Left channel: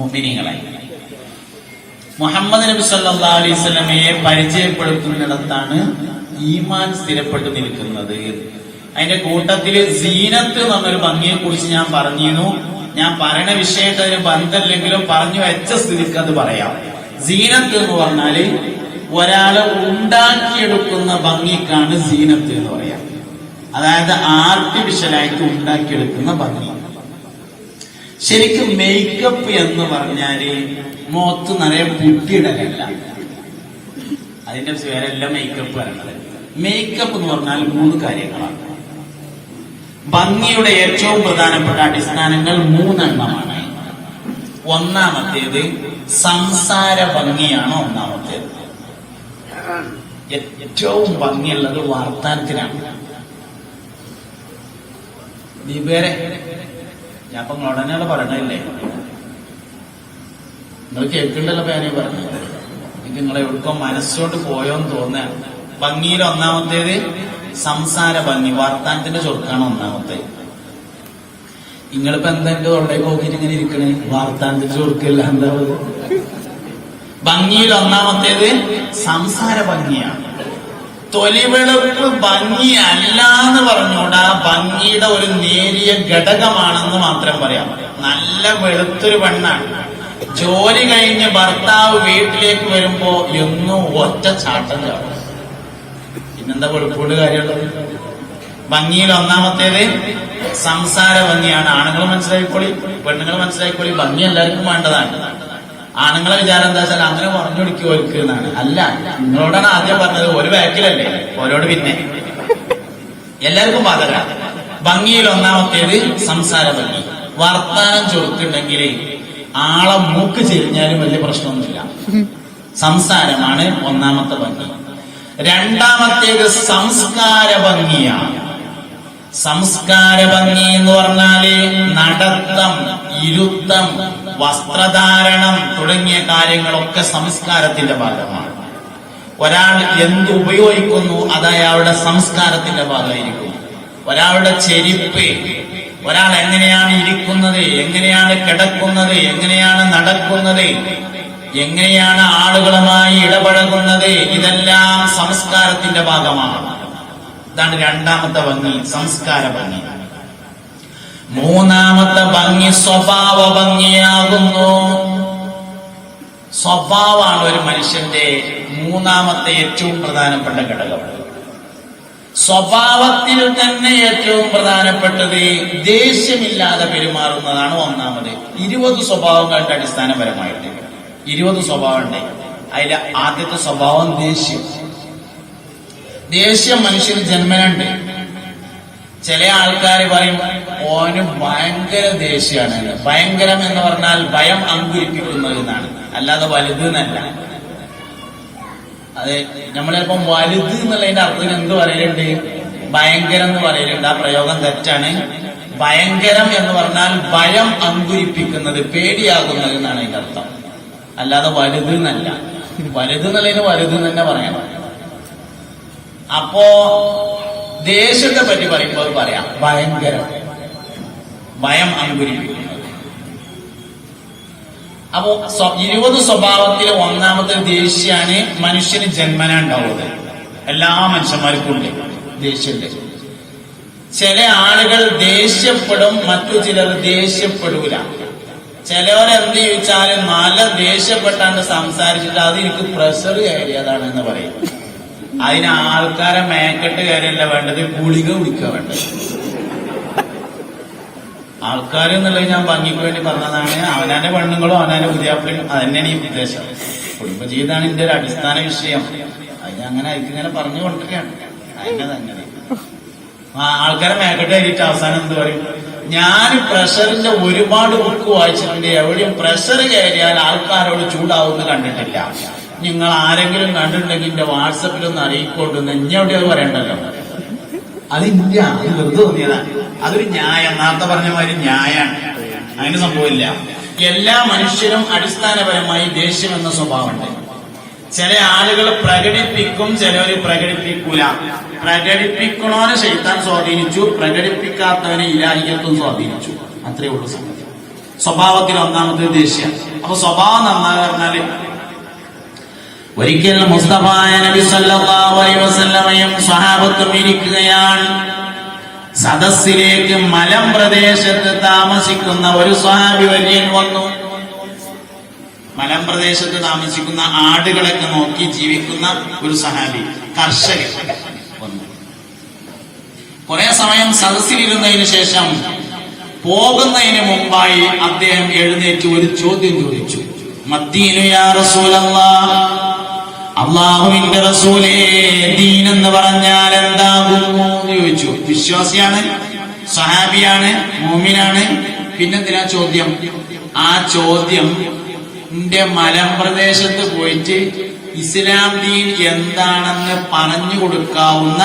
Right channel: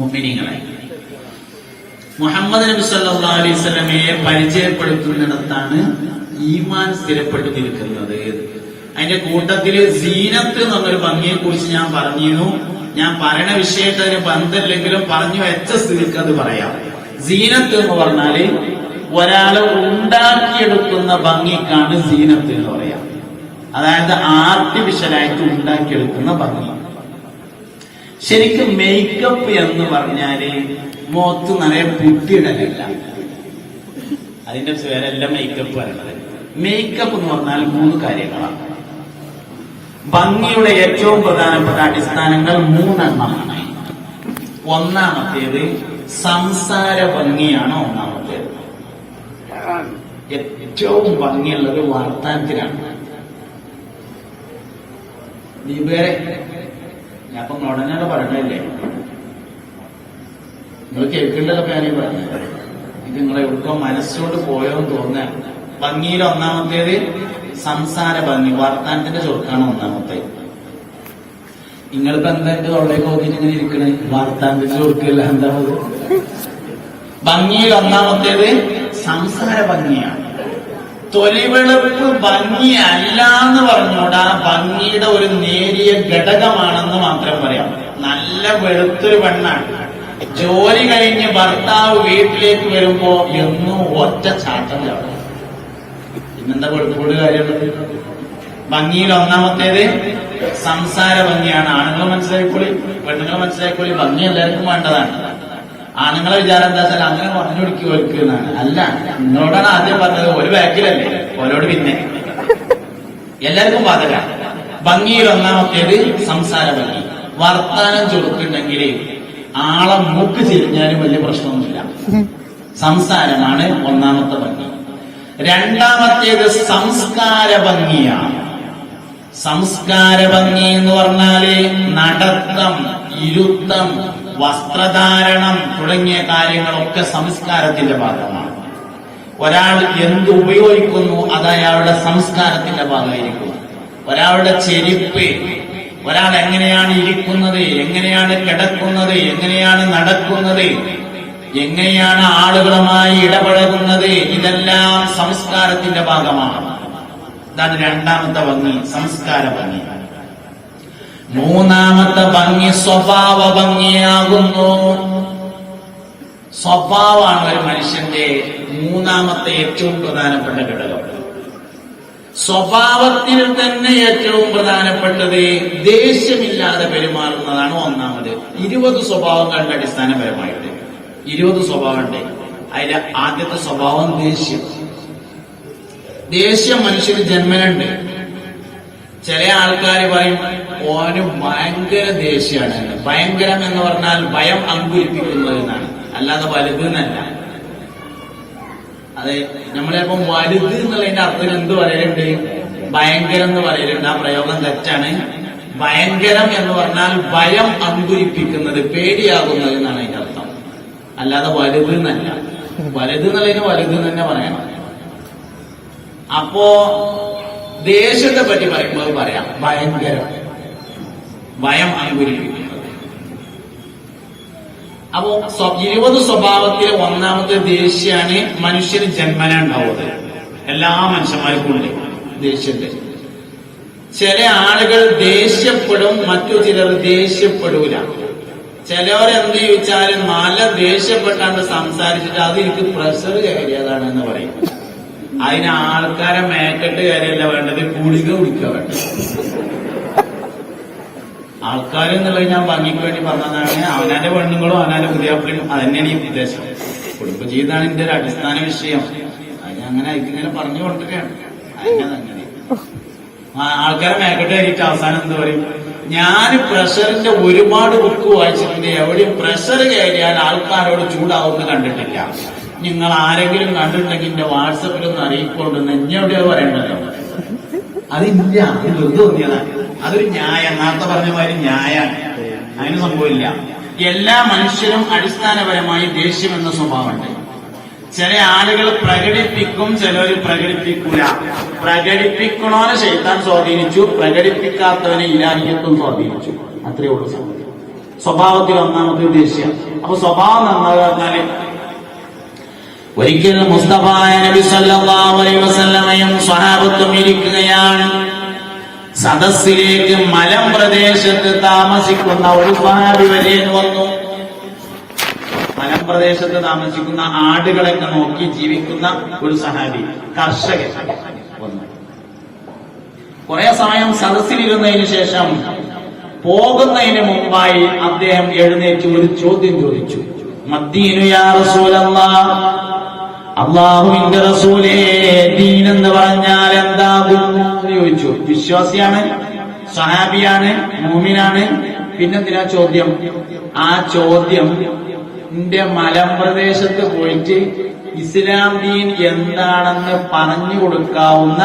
മുഅ്മിനീങ്ങളെ, മുഹമ്മദ് നബി സല്ലല്ലാഹു അലൈഹി വസല്ലമയെ പരിചയപ്പെടുത്തുന്നിടത്താണ് ഈമാൻ സ്ഥിരപ്പെട്ടു നിൽക്കുന്നത്. അതിന്റെ കൂട്ടത്തില് സീനത്ത് എന്നൊരു ഭംഗിയെ കുറിച്ച് ഞാൻ പറഞ്ഞിരുന്നു. ഞാൻ പറയുന്ന വിഷയത്തെ അതിന് ബന്ധമില്ലെങ്കിലും പറഞ്ഞു വെച്ച സ്ഥിതിക്ക് അത് പറയാം. സീനത്ത് എന്ന് പറഞ്ഞാല് ഒരാളെ ഉണ്ടാക്കിയെടുക്കുന്ന ഭംഗിക്കാണ് സീനത്ത് എന്ന് പറയാം. അതായത് ആർട്ടിഫിഷ്യലായിട്ട് ഉണ്ടാക്കിയെടുക്കുന്ന ഭംഗി. ശരിക്കും മേക്കപ്പ് എന്ന് പറഞ്ഞാല് മുഖത്ത് നിറയെ പുട്ടിയിടലില്ല, അതിന്റെ പേരെല്ലാം മേക്കപ്പ് ആണ്. മേക്കപ്പ് എന്ന് പറഞ്ഞാൽ 3 കാര്യങ്ങളാണ്. ഭംഗിയുടെ ഏറ്റവും പ്രധാനപ്പെട്ട അടിസ്ഥാനങ്ങൾ 3 എണ്ണമാണ്. ഒന്നാമത്തേത് സംസാര ഭംഗിയാണ്. ഒന്നാമത്തേത് ഏറ്റവും ഭംഗിയുള്ളത് വാർത്താനത്തിനാണ്. ദീപേരെ ഞാൻ ഇപ്പൊ ഉടനെയാണ് പറഞ്ഞല്ലേ, നിങ്ങൾ കേൾക്കേണ്ടല്ലോ പേരെ പറഞ്ഞത്. ഇത് നിങ്ങളെ എവിടുപ്പം മനസ്സോട്ട് പോയോന്ന് തോന്നുക. ഭംഗിയിൽ ഒന്നാമത്തേത് സംസാര ഭംഗി, വാർത്താനത്തിന്റെ ചൊറുക്കാണ് ഒന്നാമത്തേത്. നിങ്ങളിപ്പോ എന്താ എന്റെ അവിടെ നോക്കിയിട്ട് ഇങ്ങനെ ഇരിക്കണേ? വാർത്താനത്തിന്റെ ചൊറുക്കല്ല, എന്താ ഭംഗിയിൽ ഒന്നാമത്തേത് സംസാര ഭംഗിയാണ്. തൊലിവെളുപ്പ് ഭംഗി അല്ല എന്ന് പറഞ്ഞോടാ, ഭംഗിയുടെ ഒരു നേരിയ ഘടകമാണെന്ന് മാത്രം പറയാം. നല്ല വെളുത്തൊരു പെണ്ണാണ്, ജോലി കഴിഞ്ഞ് ഭർത്താവ് വീട്ടിലേക്ക് വരുമ്പോ എന്നും ഒറ്റ ചാട്ടം ചാടും. പിന്നെന്താ വെളുപ്പോട് കാര്യമുള്ളത്? ഭംഗിയിൽ ഒന്നാമത്തേത് സംസാര ഭംഗിയാണ്. ആണുങ്ങൾ മനസ്സിലാക്കിക്കോളി, പെണ്ണുങ്ങൾ മനസ്സിലാക്കിക്കോളി. ഭംഗി എല്ലാവർക്കും വേണ്ടതാണ്. ആണുങ്ങളെ വിചാരം എന്താ വെച്ചാൽ അങ്ങനെ പറഞ്ഞു കൊടുക്കുക എന്നാണ്. അല്ല, നിങ്ങളോടാണ് ആദ്യം പറഞ്ഞത്. ഒരു ബാക്കിലല്ലേ, ഓരോട് പിന്നെ എല്ലാവർക്കും ബാധക. ഭംഗിയിൽ ഒന്നാമത്തേത് സംസാര ഭംഗി. വർത്താനം ചൊറുക്കുണ്ടെങ്കിൽ ആളെ മൂക്ക് ചെരിഞ്ഞാലും വലിയ പ്രശ്നമൊന്നുമില്ല. സംസാരമാണ് ഒന്നാമത്തെ ഭംഗി. രണ്ടാമത്തേത് സംസ്കാര ഭംഗിയാണ്. സംസ്കാര ഭംഗി എന്ന് പറഞ്ഞാല് നടത്തം, ഇരുത്തം, വസ്ത്രധാരണം തുടങ്ങിയ കാര്യങ്ങളൊക്കെ സംസ്കാരത്തിന്റെ ഭാഗമാണ്. ഒരാൾ എന്ത് ഉപയോഗിക്കുന്നു അത് അയാളുടെ സംസ്കാരത്തിന്റെ ഭാഗമായിരിക്കും. ഒരാളുടെ ചെരിപ്പ്, ഒരാൾ എങ്ങനെയാണ് ഇരിക്കുന്നത്, എങ്ങനെയാണ് കിടക്കുന്നത്, എങ്ങനെയാണ് നടക്കുന്നത്, എങ്ങനെയാണ് ആളുകളുമായി ഇടപഴകുന്നത്, ഇതെല്ലാം സംസ്കാരത്തിന്റെ ഭാഗമാണ്. ഇതാണ് രണ്ടാമത്തെ ഭംഗി, സംസ്കാര ഭംഗി. മൂന്നാമത്തെ ഭംഗി സ്വഭാവ ഭംഗിയാകുന്നു. സ്വഭാവമാണ് ഒരു മനുഷ്യന്റെ മൂന്നാമത്തെ ഏറ്റവും പ്രധാനപ്പെട്ട ഘടകം. സ്വഭാവത്തിൽ തന്നെ ഏറ്റവും പ്രധാനപ്പെട്ടത് ദേഷ്യമില്ലാതെ പെരുമാറുന്നതാണ് ഒന്നാമത്. 20 സ്വഭാവങ്ങളുടെ അടിസ്ഥാനപരമായിട്ട് 20 സ്വഭാവമുണ്ട്. അതിലെ ആദ്യത്തെ സ്വഭാവം ദേഷ്യം. ദേഷ്യം മനുഷ്യന് ജന്മനുണ്ട്. ചില ആൾക്കാർ പറയും ഓന് ഭയങ്കര ദേഷ്യമാണ്. ഭയങ്കരം എന്ന് പറഞ്ഞാൽ ഭയം അങ്കുരിപ്പിക്കുന്നത് എന്നാണ്, അല്ലാതെ വലുത് എന്നല്ല. അതെ, നമ്മളിപ്പം വലുത് എന്നുള്ളതിന്റെ അർത്ഥം എന്ത് പറയലുണ്ട്? ഭയങ്കരം എന്ന് പറയലുണ്ട്. ആ പ്രയോഗം തെറ്റാണ്. ഭയങ്കരം എന്ന് പറഞ്ഞാൽ ഭയം അങ്കുരിപ്പിക്കുന്നത്, പേടിയാകുന്നത് എന്നാണ് അതിന്റെ അർത്ഥം, അല്ലാതെ വലുത് എന്നല്ല. വലുത് എന്നുള്ളതിന് വലുത് തന്നെ പറയാം. അപ്പോ ദേഷ്യത്തെ പറ്റി പറയുമ്പോൾ പറയാം ഭയങ്കരം, ഭയം അങ്കുരിപ്പിക്കുന്നത്. അപ്പോ 20 സ്വഭാവത്തിലെ ഒന്നാമത്തെ ദേഷ്യാണ് മനുഷ്യന് ജന്മന ഉണ്ടാവുന്നത്. എല്ലാ മനുഷ്യന്മാർക്കും ഉണ്ട് ദേഷ്യത്തെ. ചില ആളുകൾ ദേഷ്യപ്പെടും, മറ്റു ചിലർ ദേഷ്യപ്പെടൂല. ചിലവരെന്ത് ചോദിച്ചാലും നല്ല ദേഷ്യപ്പെട്ടാണ്ട് സംസാരിച്ചിട്ട് അത് എനിക്ക് പ്രഷർ കയറിയതാണെന്ന് പറയും. അതിന് ആൾക്കാരെ മേക്കെട്ട് കയറിയല്ല വേണ്ടത്, ഗുളിക കുടിക്കുക വേണ്ടത്. ആൾക്കാരെന്നുള്ളത് ഞാൻ ഭംഗിക്ക് വേണ്ടി പറഞ്ഞതാണ്. അവനാന്റെ പെണ്ണുങ്ങളും അവനാന്റെ പുതിയാപ്പിളും അതന്നെയാണ് ഈ ഉദ്ദേശം. കുടുംബ ജീവിതമാണ് ഇതിന്റെ ഒരു അടിസ്ഥാന വിഷയം. അത് അങ്ങനെ അതിങ്ങനെ പറഞ്ഞു കൊടുക്കുകയാണ്. അങ്ങനെ ആൾക്കാരെ മേക്കെട്ട് കയറിയിട്ട് അവസാനം എന്ത് പറയും? ഞാൻ പ്രഷറിന്റെ ഒരുപാട് ബുക്ക് വായിച്ചിട്ടുണ്ട്, എവിടെയും പ്രഷർ കയറിയാൽ ആൾക്കാരോട് ചൂടാവുമെന്ന് കണ്ടിട്ടില്ല. നിങ്ങൾ ആരെങ്കിലും കണ്ടിട്ടുണ്ടെങ്കിൽ എന്റെ വാട്സപ്പിലൊന്ന് അറിയിക്കൊണ്ടെന്ന് ഇഞ്ഞെവിടെയോ പറയണ്ടല്ലോ. അതില്ല, അത് വെറുതെ തോന്നിയതാണ്. അതൊരു ന്യായം, നേരത്തെ പറഞ്ഞ മാതിരി ന്യായാണ്. അതിന് സംഭവമില്ല. എല്ലാ മനുഷ്യരും അടിസ്ഥാനപരമായി ദേഷ്യം എന്ന സ്വഭാവമുണ്ട്. ചില ആളുകൾ പ്രകടിപ്പിക്കും, ചിലവര് പ്രകടിപ്പിക്കൂല. പ്രകടിപ്പിക്കണോനെ ശൈത്താൻ സ്വാധീനിച്ചു, പ്രകടിപ്പിക്കാത്തവനെ ഇലാഹിയത്വം സ്വാധീനിച്ചു. അത്രയേ ഉള്ളൂ സംഗതി. സ്വഭാവത്തിൽ ഒന്നാമത് ദേഷ്യം. അപ്പൊ സ്വഭാവം നന്നാകുക പറഞ്ഞാല് ഒരിക്കൽ മുസ്തഫ നബി സല്ലല്ലാഹു അലൈഹി വസല്ലമയും സ്വഹാബത്തും ഇരിക്കുകയാണ്. സദസ്സിലേക്ക് മലമ്പ്രദേശത്ത് താമസിക്കുന്ന ഒരു സ്വഹാബി വര്യൻ വന്നു. മലമ്പ്രദേശത്ത് താമസിക്കുന്ന ആടുകളൊക്കെ നോക്കി ജീവിക്കുന്ന ഒരു സഹാബി, കർഷകൻ വന്നു. കുറെ സമയം സദസ്സിലിരുന്നതിന് ശേഷം പോകുന്നതിന് മുമ്പായി അദ്ദേഹം എഴുന്നേറ്റ് ഒരു ചോദ്യം ചോദിച്ചു. മദ്ദീനു യാ റസൂലല്ലാഹ്, അല്ലാഹുവിന്റെ റസൂലേ, ദീൻ എന്ന് പറഞ്ഞാൽ എന്താകുന്നു എന്ന് ചോദിച്ചു. വിശ്വാസിയാണ്, സഹാബിയാണ്, മുഅ്മിനാണ്, പിന്നെന്തിനാ ചോദ്യം? ആ ചോദ്യം എന്റെ മലമ്പ്രദേശത്ത് പോയിട്ട് ഇസ്ലാം ദീൻ എന്താണെന്ന് പറഞ്ഞു കൊടുക്കാവുന്ന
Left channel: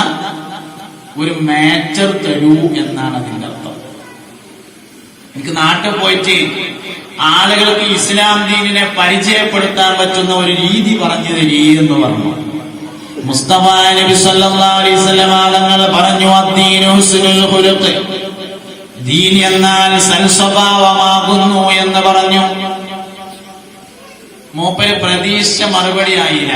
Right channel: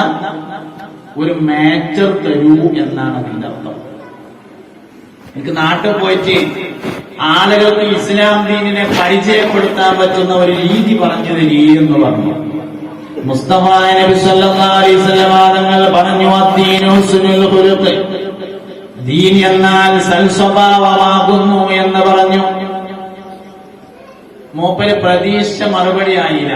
ഒരു മാറ്റർ തരൂ എന്നാണ് അതിന്റെ അർത്ഥം. എനിക്ക് നാട്ടിൽ പോയിട്ട് ആളുകൾക്ക് ഇസ്ലാം ദീനിനെ പരിചയപ്പെടുത്താൻ പറ്റുന്ന ഒരു രീതി പറഞ്ഞു തരീ എന്ന് പറഞ്ഞു. മുസ്തഫ നബി സല്ലല്ലാഹു അലൈഹി വസല്ലം തങ്ങൾ പറഞ്ഞു, അദ്ദീനു ഹുസ്നുൽ ഖുലുഖ്, ദീൻ എന്നാൽ സൽസ്വഭാവമാകുന്നു എന്ന് പറഞ്ഞു. മൂപ്പര് പ്രതീക്ഷിച്ച മറുപടി ആയില്ല.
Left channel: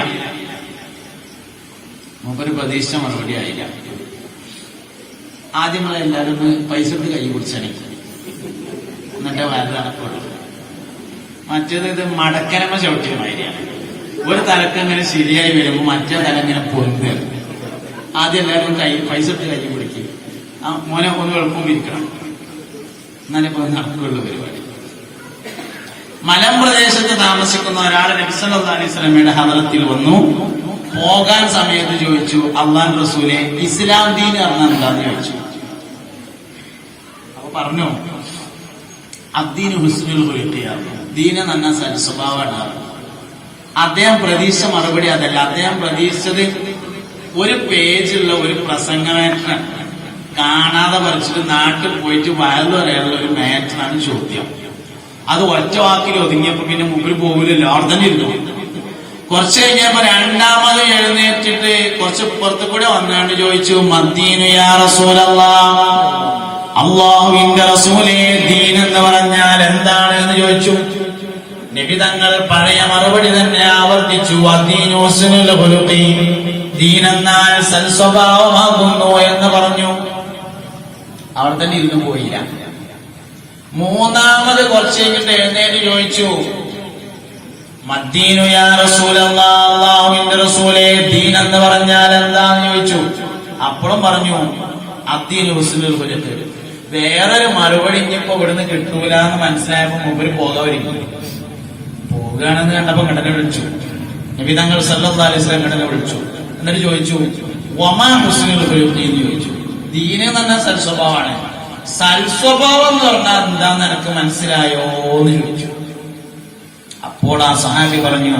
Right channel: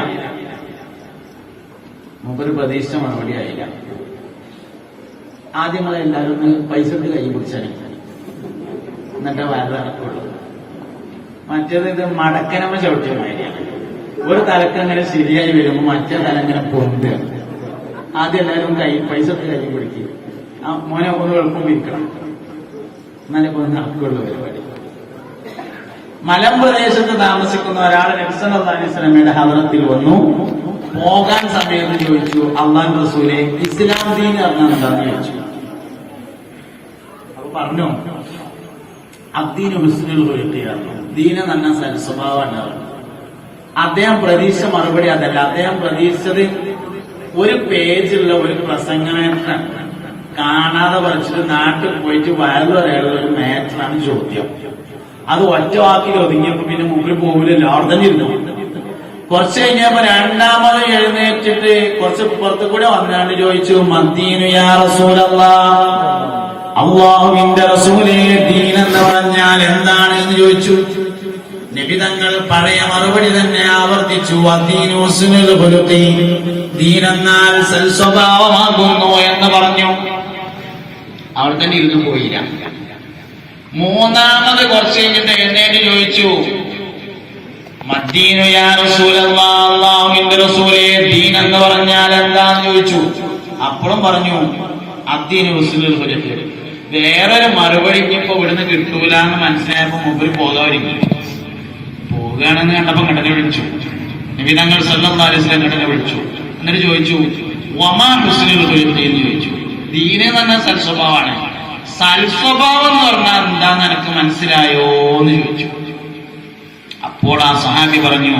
ആദ്യം എല്ലാവരും പൈസ ഇട്ട് കൈ പിടിച്ചടിക്കും, എന്നിട്ട് വയറ് നടക്കുള്ളൂ. മറ്റേത് ഇത് മടക്കനമ്മ ചവിട്ടിയ മാതിരിയാണ്. ഒരു തലക്കങ്ങനെ ശരിയായി വരുമ്പോൾ മറ്റേ തലങ്ങനെ പൊന്തുക. ആദ്യം എല്ലാവരും പൈസ ഇട്ട് കൈ പിടിക്കും. ആ മോനെ ഒന്ന് എളുപ്പം ഇരിക്കണം, എന്നാലേ പോയി നടക്കുള്ളൂ പരിപാടി. മലമ്പ്രദേശത്ത് താമസിക്കുന്ന ഒരാൾ നബി സല്ലല്ലാഹു അലൈഹി വസല്ലമയുടെ ഹദ്റത്തിൽ വന്നു. പോകാൻ സമയത്ത് ചോദിച്ചു, അല്ലാഹു റസൂലേ, ഇസ്ലാം ദീൻ പറഞ്ഞാൽ എന്താന്ന് ചോദിച്ചു. പറഞ്ഞു, അദ്ദീനു ഹുസ്നുൽ ഖുലുഖ്, ദീന് നന്ന സൽസ്വഭാവമാണ്. അദ്ദേഹം പ്രതീക്ഷിച്ച മറുപടി അതല്ല. അദ്ദേഹം പ്രതീക്ഷിച്ചത് ഒരു പേജുള്ള ഒരു പ്രസംഗമായിട്ട് കാണാതെ പറിച്ചിട്ട് നാട്ടിൽ പോയിട്ട് വയറു വരെയുള്ള ഒരു മാറ്ററാണ് ചോദ്യം. അത് ഒറ്റ വാക്കിൽ ഒതുങ്ങിയപ്പോ പിന്നെ മുമ്പിൽ പോകില്ലല്ലോ, അവിടെ തന്നെ ഇരുന്നു. കുറച്ച് കഴിഞ്ഞപ്പോ രണ്ടാമത് എഴുന്നേറ്റിട്ട് കുറച്ച് പുറത്തു കൂടെ വന്നാണ്ട് ചോദിച്ചു, മദ്ദീനു യാ റസൂലല്ലാഹ്, അല്ലാഹുവിന്റെ റസൂലേ, ദീൻ എന്ന് പറഞ്ഞാൽ എന്താണ് എന്ന് ചോദിച്ചു. നബി തങ്ങൾ പഴയ മറുപടി തന്നെ ആവർത്തിച്ചു, അദ്ദീനു ഹുസ്നുൽ ഖുലുഖ്, ദീൻ എന്നാൽ സൽസ്വഭാവമാകുന്നു എന്ന് പറഞ്ഞു. അവിടെ തന്നെ ഇരുന്ന് പോയില്ല. മൂന്നാമത് കുറച്ച് കഴിഞ്ഞിട്ട് എഴുന്നേറ്റ് ചോദിച്ചു, മദ്ദീനു യാ റസൂലല്ലാഹ്, അല്ലാഹുവിന്റെ റസൂലേ, ദീൻ എന്ന് പറഞ്ഞാൽ എന്താന്ന് ചോദിച്ചു. അപ്പോഴും പറഞ്ഞു, അദ്ദീനു ഹുസ്നുൽ ഖുലുഖ്. വേറൊരു മറുപടി ഇനിയിപ്പോ ഇവിടുന്ന് കിട്ടൂല എന്ന് മനസ്സിലായപ്പോ മൂപ്പര് പോകാതിരിക്കും. പോകുകയാണെന്ന് കണ്ടപ്പോ കടനെ വിളിച്ചു. നബി തങ്ങൾ സല്ലല്ലാഹു അലൈഹി വസല്ലം കടനെ വിളിച്ചു. എന്നിട്ട് ചോദിച്ചു, വമാ ഹുസ്നുൽ ഖുലുഖ് എന്ന് ചോദിച്ചു. ദീന് തന്നെ സൽസ്വഭാവമാണ്. സൽസ്വഭാവം എന്ന് പറഞ്ഞാൽ എന്താന്ന് എനിക്ക് മനസ്സിലായോ എന്ന് ചോദിച്ചു. അപ്പോൾ ആ സഹാബി പറഞ്ഞു,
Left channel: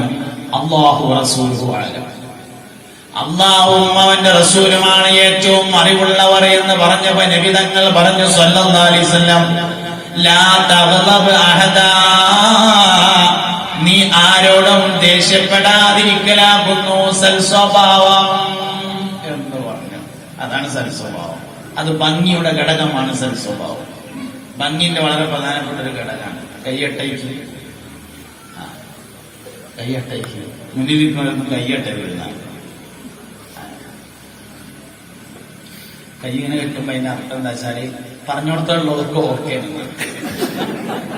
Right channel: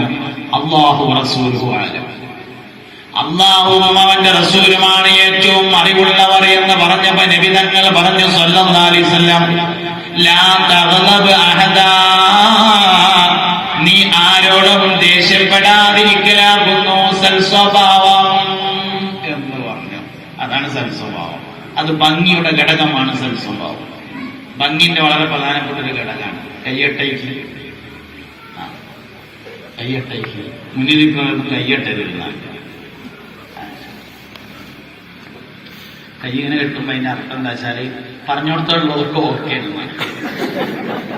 അല്ലാഹു റസൂലുഹു അഅലം, അല്ലാഹുവും അവന്റെ റസൂലുമാണ് ഏറ്റവും അറിവുള്ളവർ എന്ന് പറഞ്ഞപ്പോ നബി തങ്ങൾ പറഞ്ഞു സല്ലല്ലാഹു അലൈഹി വസല്ലം, ലാ തഗ്ളബ് അഹദാ, നീ ആരോടും ദേഷ്യപ്പെടാതിരിക്കലാകുന്നു സൽസ്വഭാവം എന്ന് പറഞ്ഞു. അതാണ് സൽസ്വഭാവം. അത് ഭംഗിയുടെ ഘടകമാണ് സൽസ്വഭാവം. ഭംഗിന്റെ വളരെ പ്രധാനപ്പെട്ട ഒരു ഘടകമാണ്. കയ്യട്ടയ്ക്ക് മുന്നിൽ കയ്യട്ടരുതാണ്. കൈ ഇങ്ങനെ കിട്ടുമ്പോ അതിന്റെ അർത്ഥം എന്താ വെച്ചാല് പറഞ്ഞോടത്തുള്ളവർക്ക് ഓക്കെ ആണ്.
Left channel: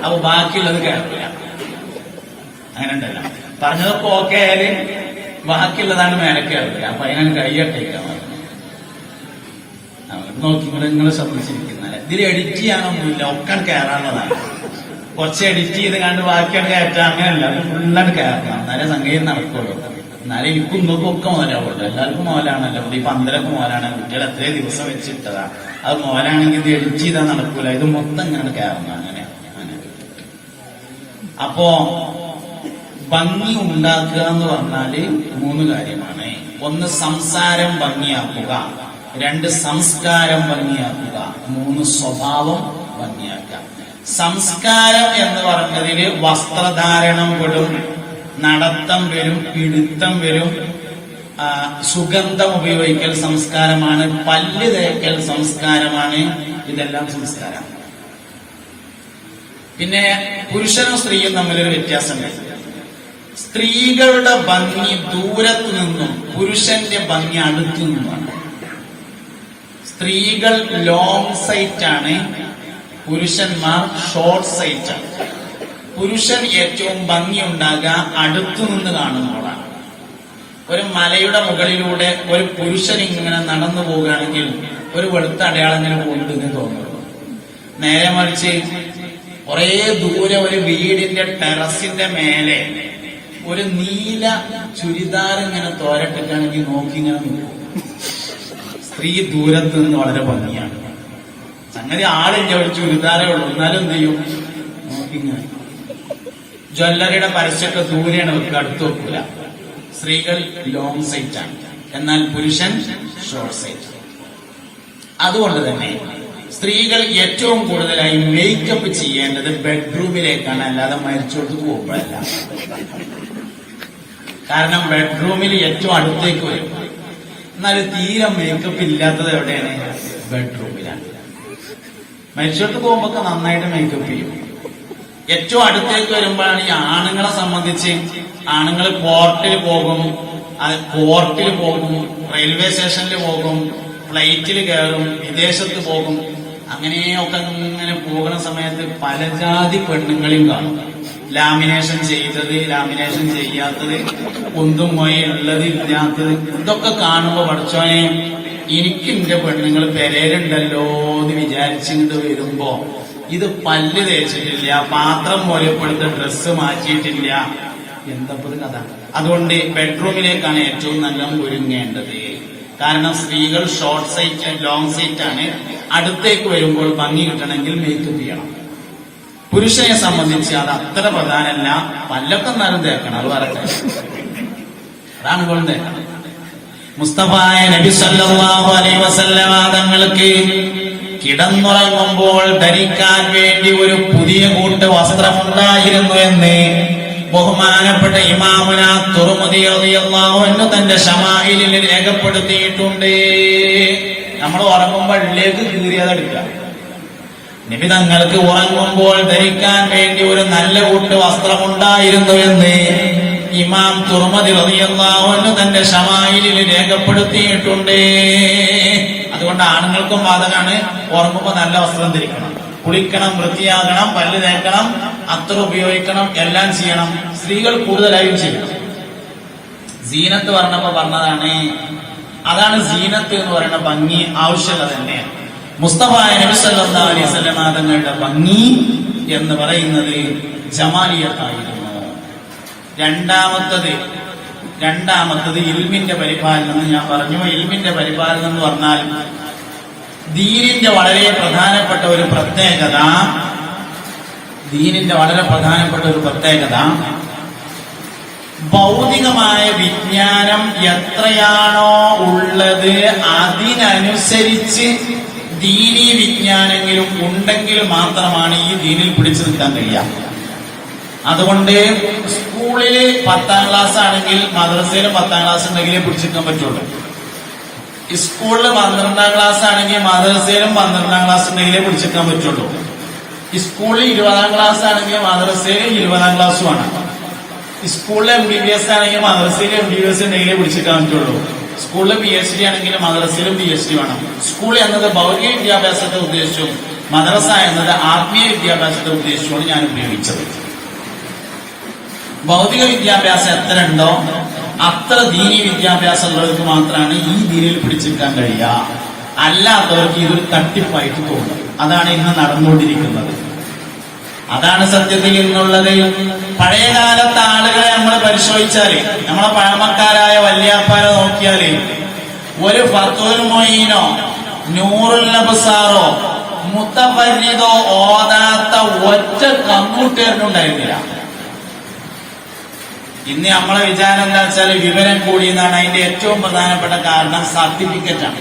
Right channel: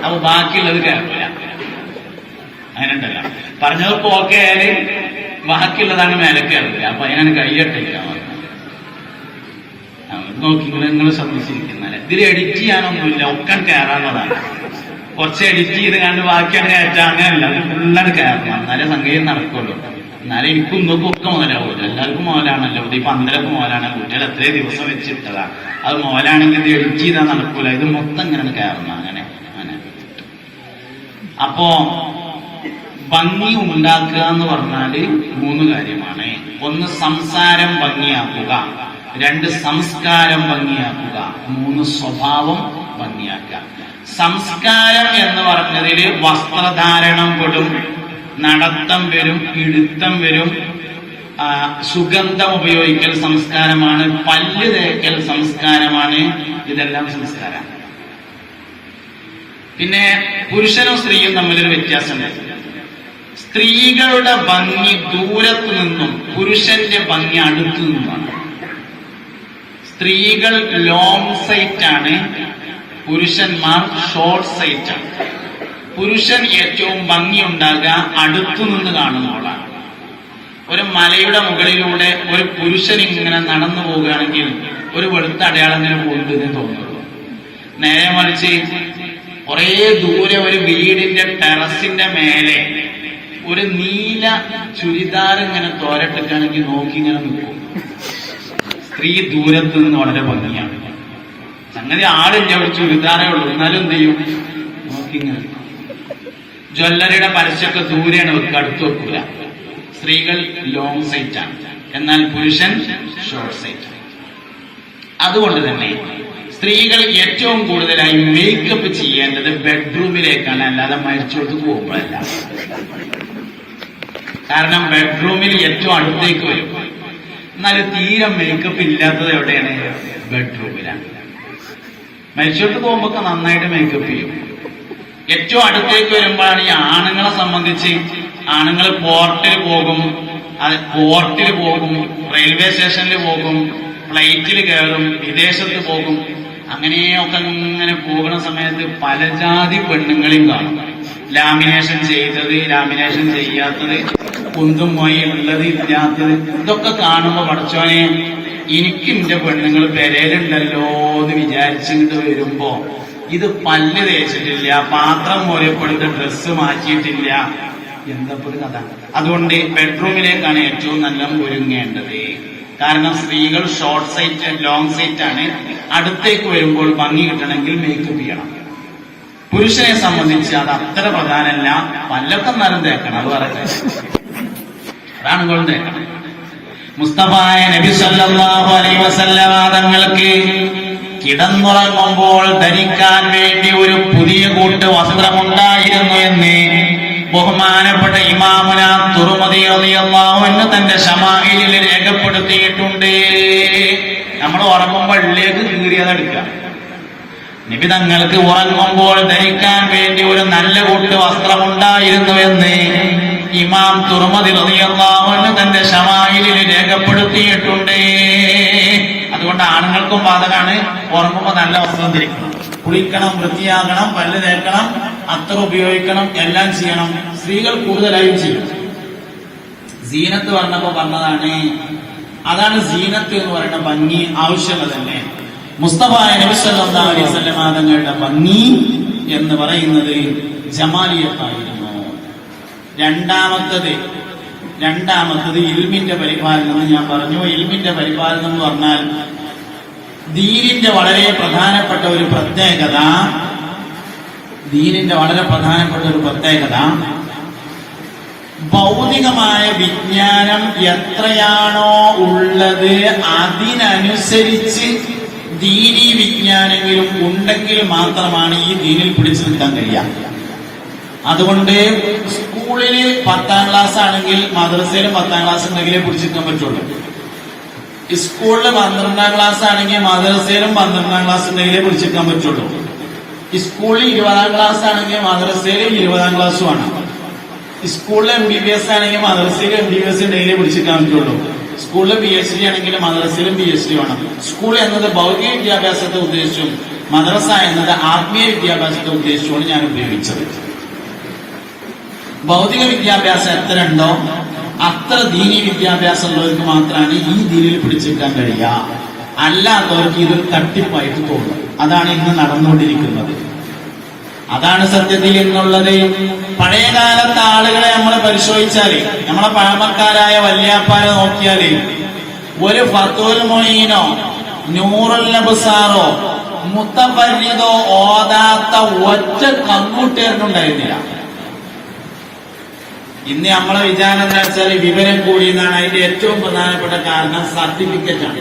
അപ്പൊ ബാക്കിയുള്ളത് കേൾക്കില്ല. അങ്ങനെ ഉണ്ടല്ലോ, പറഞ്ഞവർക്ക് ഓക്കെ ആയാല് ബാക്കിയുള്ളതാണ് മേലെ കേൾക്കുക. അപ്പൊ അതിനാണ് കയ്യട്ടയ്ക്കാൻ പറഞ്ഞത്. നോക്കി നിങ്ങൾ ശ്രദ്ധിച്ചിരിക്കുന്നല്ലേ, ഇതിൽ എഡിറ്റ് ചെയ്യാനൊന്നുമില്ല, ഒക്കെ കയറാവുന്നതാണ്. കുറച്ച് എഡിറ്റ് ചെയ്ത് കണ്ട് ബാക്കിയാണ് കയറ്റാൻ, അങ്ങനെയല്ല, ഫുള്ളാണ് കയറണം. എന്നാലേ സംഗീതം നടക്കുള്ളൂ. എന്നാലും എനിക്കും ഇന്നൊക്കെ ഒക്കെ മുതലാവുള്ളൂ. എല്ലാവർക്കും മോലാണല്ലോ. ഈ പന്തലത്ത് മോലാണ്, കുട്ടികൾ എത്രയും ദിവസം വെച്ചിട്ടതാണ്. അത് മോലാണെങ്കിൽ ഇത് എഡിറ്റ് ചെയ്താൽ നടക്കൂല. ഇത് മൊത്തം ഇങ്ങനെയാണ് കയറണം. അങ്ങനെ അങ്ങനെ അപ്പോ ഭംഗി ഉണ്ടാക്കുക എന്ന് പറഞ്ഞാല് 3 കാര്യമാണ്. ഒന്ന് സംസാരം ഭംഗിയാക്കുക, 2 സംസ്കാരം ഭംഗിയാക്കുക, 3 സ്വഭാവം ഭംഗിയാക്കുക. സംസ്കാരം എന്ന് പറഞ്ഞതില് വസ്ത്രധാരണം പെടും, നടത്തം വരും, ഇടുത്തം വരും, സുഗന്ധം ഉപയോഗിക്കൽ സംസ്കാരമാണ്, പല്ല് തേക്കൽ സംസ്കാരമാണ്. ഇതെല്ലാം സംസ്കാരം. പിന്നെ പുരുഷനും സ്ത്രീയും തമ്മിലൊരു വ്യത്യാസമുണ്ട്. സ്ത്രീകളുടെ ഭംഗി ദൂരത്തു നിന്നും പുരുഷന്റെ ഭംഗി അടുത്തു നിന്നുമാണ്. സ്ത്രീകൾ ലോങ് സൈറ്റ് ആണ്, പുരുഷന്മാർ ഷോർട്ട് സൈറ്റ് ആണ്. പുരുഷൻ ഏറ്റവും ഭംഗി ഉണ്ടാകുക അടുത്തു നിന്ന് കാണുമ്പോഴാണ്. ഒരു മലയുടെ മുകളിലൂടെ ഒരു പുരുഷൻ ഇങ്ങനെ നടന്നു പോവുകയാണെങ്കിൽ ഒരു വെളുത്ത അടയാളങ്ങൾ പോകുന്നത് തോന്നുന്നു. നേരെ മറിച്ച് കുറെ ദൂരെ ഒരു വീടിന്റെ ടെറസിന്റെ മേലെ ഒരു നീല ചുരിദാർ ഇങ്ങനെ തോരട്ടിട്ടാണെങ്കിൽ നോക്കി ഇങ്ങനെ നിൽക്കും. സ്ത്രീ ദൂരത്ത് നിന്ന് വളരെ ഭംഗിയാണ്. സംഗതി ആളില്ല, ഒരു ചുരിദാറേ ഉള്ളൂ, എന്നാലും എന്ത് ചെയ്യും, നോക്കിങ്ങനെ. ജ്വല്ലറിയുടെ പരസ്യമൊക്കെ ദൂരെയാണ് വെക്കുക, അടുത്ത് വെക്കൂല. സ്ത്രീകൾ ലോങ് സൈറ്റ് ആണ്, എന്നാൽ പുരുഷൻ ഷോർട്ട് സൈറ്റ്. അതുകൊണ്ട് തന്നെ സ്ത്രീകൾ ഏറ്റവും കൂടുതലായി മേക്കപ്പ് ചെയ്യേണ്ടത് ബെഡ്റൂമിലേക്കാണ്, അല്ലാതെ മരിച്ചോടത്ത് പോകുമ്പോഴല്ല. കാരണം ബെഡ്റൂമിൽ ഏറ്റവും അടുത്തേക്ക് വരും. എന്നാൽ തീരെ മേക്കപ്പ് ഇല്ലാത്തത് എവിടെയാണ്? ബെഡ്റൂമിലാണ്. മരിച്ചോടത്ത് പോകുമ്പോ നന്നായിട്ട് മേക്കപ്പ് ചെയ്യും. ഏറ്റവും അടുത്തേക്ക് വരുമ്പോഴാണ് ഈ ആണുങ്ങളെ സംബന്ധിച്ച്, ആണുങ്ങൾ പോർട്ടിൽ പോകും, റെയിൽവേ സ്റ്റേഷനിൽ പോകും, ഫ്ലൈറ്റിൽ കയറും, വിദേശത്ത് പോകും. അങ്ങനെയൊക്കെ അങ്ങനെ പോകുന്ന സമയത്ത് പല ജാതി പെണ്ണുങ്ങളെയും കാണും. ലാമിനേഷൻ ചെയ്തത്, ലാമിനേഷൻ ചെയ്യാത്തത്, കുന്തും മൊഴി ഉള്ളത് ഇല്ലാത്തത്, ഇതൊക്കെ കാണുമ്പോ പഠിച്ചോനെ എനിക്ക് എന്റെ പെണ്ണുങ്ങൾ പെരയിലുണ്ടല്ലോ എന്ന് വിചാരിച്ചിട്ട് വരുമ്പോ ഇത് പല്ല് തേച്ചിട്ടില്ല, പാത്രം മോരപ്പെടുത്ത ഡ്രസ്സ് മാറ്റിയിട്ടില്ല, എന്തപ്പോ ഒരു കഥ. അതുകൊണ്ട് ബെഡ്റൂമിലേക്കാണ് ഏറ്റവും നല്ല ഒരുങ്ങേണ്ടത്. കാരണം സ്ത്രീകൾ ഷോർട്ട് സൈറ്റ്, ലോങ് സൈറ്റ് ആണ്. അടുത്തേക്ക് വരുമ്പോൾ ഭംഗി കിട്ടണമെങ്കിൽ മേക്കപ്പ് ചെയ്യണം. പുരുഷനെ സംബന്ധിച്ച് അത് അത്ര പ്രധാനമല്ല. പല്ലൊക്കെ എന്നാലും തേക്കണം, അത് പറയട്ടെ, അതാണ് തേക്കണം. മുസ്തഫായ നബി സല്ലല്ലാഹു അലൈഹി വസല്ലം തങ്ങൾക്ക് കിടന്നുറങ്ങുമ്പോൾ ധരിക്കാൻ വേണ്ടി ഒരു പുതിയ കൂട്ട് വസ്ത്രമുണ്ടായിരുന്നു എന്ന് ബഹുമാനപ്പെട്ട ഇമാമുന തുർമുദി റളിയല്ലാഹു അൻഹു തന്റെ ശമാഇലിൽ രേഖപ്പെടുത്തിയിട്ടുണ്ട്. നമ്മൾ ഉറങ്ങുമ്പോൾ ഉള്ളിലേക്ക് കീറിയതെടുക്കുക. നബി തങ്ങൾക്ക് ഉറങ്ങുമ്പോൾ ധരിക്കാൻ വേണ്ടി ഒരു നല്ല കൂട്ട് വസ്ത്രമുണ്ടായിരുന്നു എന്ന് ഇമാം തുർമുദി റളിയല്ലാഹു അൻഹു തന്റെ ശമാഇലിൽ രേഖപ്പെടുത്തിയിട്ടുണ്ട്. അതുകൊണ്ട് ആണുങ്ങൾക്കും ബാധകമാണ്, ഉറങ്ങുമ്പോൾ നല്ല വസ്ത്രം ധരിക്കണം, കുളിക്കണം, വൃത്തിയാകണം, പല്ല് തേക്കണം, അത്തർ ഉപയോഗിക്കണം, എല്ലാം ചെയ്യണം. സ്ത്രീകൾ കൂടുതലായും ചെയ്യണം. സീനത്ത് പറഞ്ഞതാണ്, അതാണ് സീനത്ത് എന്ന് പറയുന്ന ഭംഗി ആവശ്യമുള്ളത് തന്നെ. മുസ്തഫായ നബി സല്ലല്ലാഹു അലൈഹി വസല്ലം തങ്ങളുടെ ഭംഗി എന്ന് പറയുന്നത് ജമാലിയത്തായിരുന്നു. രണ്ടാമത്തത് ഇൽമിന്റെ പരിപാലനം എന്ന് ഞാൻ പറഞ്ഞു. ഇൽമിന്റെ പരിപാലനം എന്ന് പറഞ്ഞാൽ ദീനിന്റെ വളരെ പ്രധാനപ്പെട്ട ഒരു പ്രത്യേകത, ഭൗതികമായ വിജ്ഞാനം എത്രയാണോ ഉള്ളത് അതിനനുസരിച്ച് ദീനീ വിജ്ഞാനങ്ങളും ഉണ്ടെങ്കിൽ മാത്രമാണ് ഈ ദീനിൽ പിടിച്ചു നിൽക്കാൻ കഴിയുക. അതുകൊണ്ട് സ്കൂളിൽ 10ാം ക്ലാസ് ആണെങ്കിൽ മദ്രസയിലും 10ാം ക്ലാസ് ഉണ്ടെങ്കിലേ പിടിച്ചിരിക്കാൻ പറ്റുള്ളൂ. സ്കൂളിൽ 12ാം ക്ലാസ് ആണെങ്കിൽ മദ്രസയിലും 12ാം ക്ലാസ് ഉണ്ടെങ്കിലേ പിടിച്ചിരിക്കാൻ പറ്റുള്ളൂ. സ്കൂളിൽ 20ാം ക്ലാസ് ആണെങ്കിൽ മദ്രസയിലും 20ാം ക്ലാസ്സുമാണ്. സ്കൂളിലെ MBBS ആണെങ്കിൽ മദ്രസയിലും MBBS ഉണ്ടെങ്കിലേ പിടിച്ചിരിക്കാൻ പറ്റുള്ളൂ. സ്കൂളിൽ PhD ആണെങ്കിൽ മദ്രസയിലും PhD വേണം. സ്കൂൾ എന്നത് ഭൗതിക വിദ്യാഭ്യാസത്തെ ഉദ്ദേശിച്ചും മദ്രസ എന്നത് ആത്മീയ വിദ്യാഭ്യാസത്തെ ഉദ്ദേശിച്ചുമാണ് ഞാൻ ഉപയോഗിച്ചത്. ഭൗതിക വിദ്യാഭ്യാസം എത്ര ഉണ്ടോ അത്ര ദീനീ വിദ്യാഭ്യാസം ഉള്ളവർക്ക് മാത്രമാണ് ഈ ദീനിൽ പിടിച്ചെടുക്കാൻ കഴിയുക. അല്ലാത്തവർക്ക് ഇതൊരു തട്ടിപ്പായിട്ട് തോന്നും. അതാണ് ഇന്ന് നടന്നുകൊണ്ടിരിക്കുന്നത്. അതാണ് സത്യത്തിൽ ഇന്നുള്ളത്. പഴയകാലത്തെ ആളുകളെ നമ്മൾ പരിശോധിച്ചാല്, നമ്മളെ പഴമക്കാരായ വല്യാപ്പാരെ നോക്കിയാല് ഒരു ഫത്തുൽ മൊയ്നോ നൂറുൽ നബ്സാറോ മുത്തഫരിദോ ഓതാത്ത ഒറ്റ കമ്മുട്ടേറിനുണ്ടായിരുന്നില്ല. ഇന്ന് നമ്മളെ വിചാരം എന്താ വെച്ചാൽ വിവരം കൂടി എന്നാണ്. അതിന്റെ ഏറ്റവും പ്രധാനപ്പെട്ട കാരണം സർട്ടിഫിക്കറ്റാണ്.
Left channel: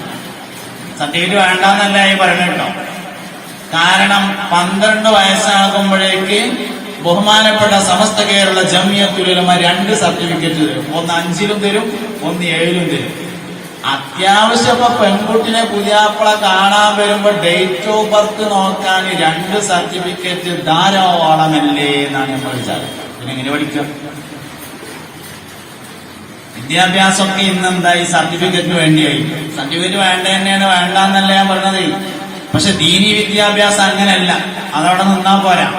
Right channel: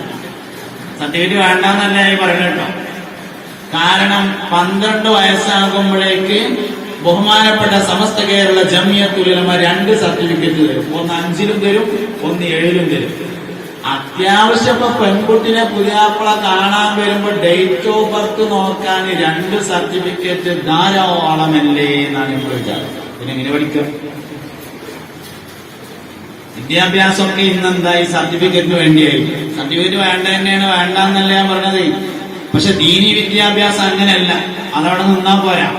സർട്ടിഫിക്കറ്റ് വേണ്ടെന്നല്ല ഈ പറഞ്ഞു കേട്ടോ. കാരണം 12 വയസ്സാകുമ്പോഴേക്ക് ബഹുമാനപ്പെട്ട സമസ്ത കേരള ജമിയത്തുൽ ഉലമ 2 സർട്ടിഫിക്കറ്റ് തരും. ഒന്ന് 5ലും തരും, ഒന്ന് 7ലും തരും. അത്യാവശ്യം ഇപ്പൊ പെൺകുട്ടിനെ പുതിയാപ്പിള കാണാൻ വരുമ്പോ ഡേറ്റ് ഓഫ് ബർത്ത് നോക്കാൻ 2 സർട്ടിഫിക്കറ്റ് ധാരാളമല്ലേ എന്നാണ് നമ്മൾ വിചാരിക്കുന്നത്. ഇതിനെങ്ങനെ പഠിക്കും? വിദ്യാഭ്യാസമൊക്കെ ഇന്നെന്തായി സർട്ടിഫിക്കറ്റിന് വേണ്ടിയായി. സർട്ടിഫിക്കറ്റ് വേണ്ട തന്നെയാണ്, വേണ്ടെന്നല്ല ഞാൻ പറഞ്ഞത്. പക്ഷെ ദീനി വിദ്യാഭ്യാസം അങ്ങനെയല്ല, അതവിടെ നിന്നാ പോരാ.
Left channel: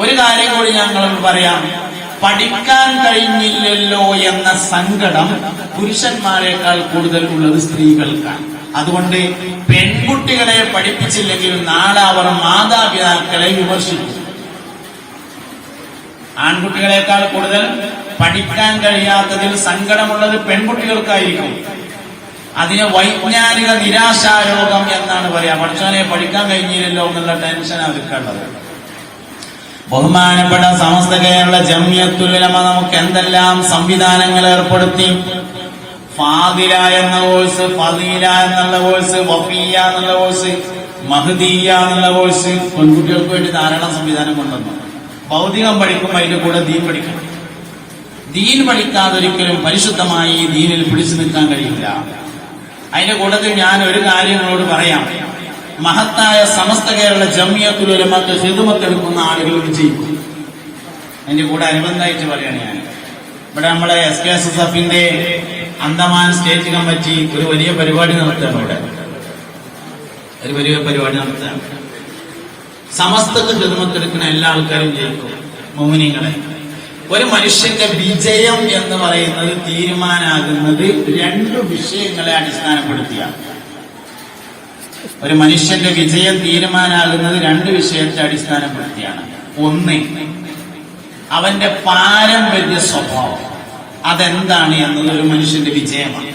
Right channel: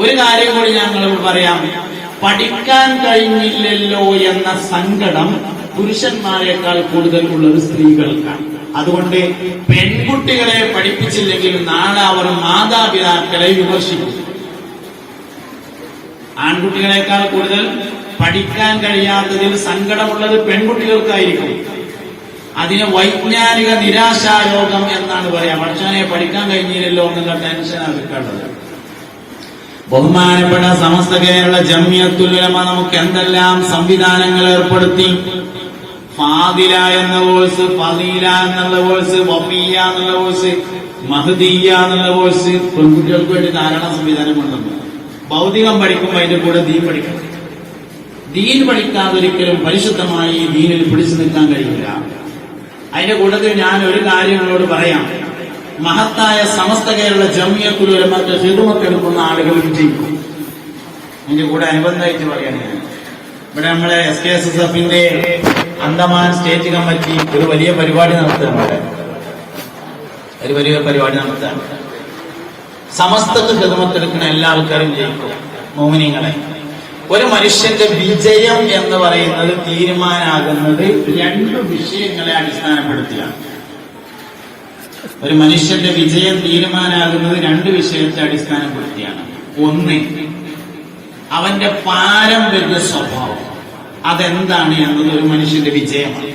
ഒരു കാര്യം കൂടി ഞങ്ങളോട് പറയാം. പഠിക്കാൻ കഴിഞ്ഞില്ലല്ലോ എന്ന സങ്കടം പുരുഷന്മാരെക്കാൾ കൂടുതൽ ഉള്ളത് സ്ത്രീകൾക്കാണ്. അതുകൊണ്ട് പെൺകുട്ടികളെ പഠിപ്പിച്ചില്ലെങ്കിൽ നാളെ അവർ മാതാപിതാക്കളെ വിമർശിക്കും. ആൺകുട്ടികളെക്കാൾ കൂടുതൽ പഠിക്കാൻ കഴിയാത്തതിൽ സങ്കടമുള്ളത് പെൺകുട്ടികൾക്കായിരിക്കും. അതിന് വൈജ്ഞാനിക നിരാശാരോഗം എന്നാണ് പറയാ. പഠിച്ചവനെ പഠിക്കാൻ കഴിഞ്ഞില്ലല്ലോ എന്നുള്ള ടെൻഷൻ അവർക്കുള്ളത്. ബഹുമാനപ്പെട്ട സമസ്ത കേരള ജംഇയ്യത്തുൽ ഉലമ നമുക്ക് എന്തെല്ലാം സംവിധാനങ്ങൾ ഏർപ്പെടുത്തി. ഫാദില എന്ന കോഴ്സ്, ഫളീല എന്നുള്ള കോഴ്സ്, വഫിയ എന്നുള്ള കോഴ്സ്, മഹദിയ എന്നുള്ള കോഴ്സ് പെൺകുട്ടികൾക്ക് വേണ്ടി ധാരാളം സംവിധാനം കൊണ്ടുവന്നു. ഭൗതികം പഠിക്കുമ്പോൾ അതിന്റെ കൂടെ ദീൻ പഠിക്കണം. ദീൻ പഠിക്കാതെ ഒരിക്കലും പരിശുദ്ധമായി ദീനിൽ പിടിച്ചു നിൽക്കാൻ കഴിയില്ല. അതിന്റെ കൂട്ടത്തിൽ ഞാൻ ഒരു കാര്യം നിങ്ങളോട് പറയാം. മഹത്തായ സമസ്ത കേരള ജംഇയ്യത്തുൽ ഉലമക്ക് ഖിദ്മത്തെടുക്കുന്ന ആളുകൾ വിജയിക്കും. അതിന്റെ കൂടെ അനുബന്ധമായിട്ട് പറയണ ഞാൻ ഇവിടെ നമ്മുടെ SKSSFന്റെ അന്തമാൻ സ്റ്റേറ്റ് കമ്മിറ്റി ഒരു വലിയ പരിപാടി നടത്തുന്നുണ്ട്. ഒരു വലിയ പരിപാടി നടത്താറുണ്ട്. സമസ്തക്ക് ഖിദ്മത്തെടുക്കുന്ന എല്ലാ ആൾക്കാരും ജയിക്കും. മോമിനീങ്ങളെ, ഒരു മനുഷ്യന്റെ വിജയം എന്ന് പറയുന്നത് തീരുമാനാകുന്നത് 2 വിഷയങ്ങളെ അടിസ്ഥാനപ്പെടുത്തിയാണ്. ഒരു മനുഷ്യന്റെ വിജയം തീരുമാനാകുന്നത് 2 വിഷയത്തെ അടിസ്ഥാനപ്പെടുത്തിയാണ്. ഒന്ന്, അവന്റെ പാരമ്പര്യ സ്വഭാവം, അതെന്താണ് എന്നത് ഒരു മനുഷ്യന്റെ വിജയമാണ്.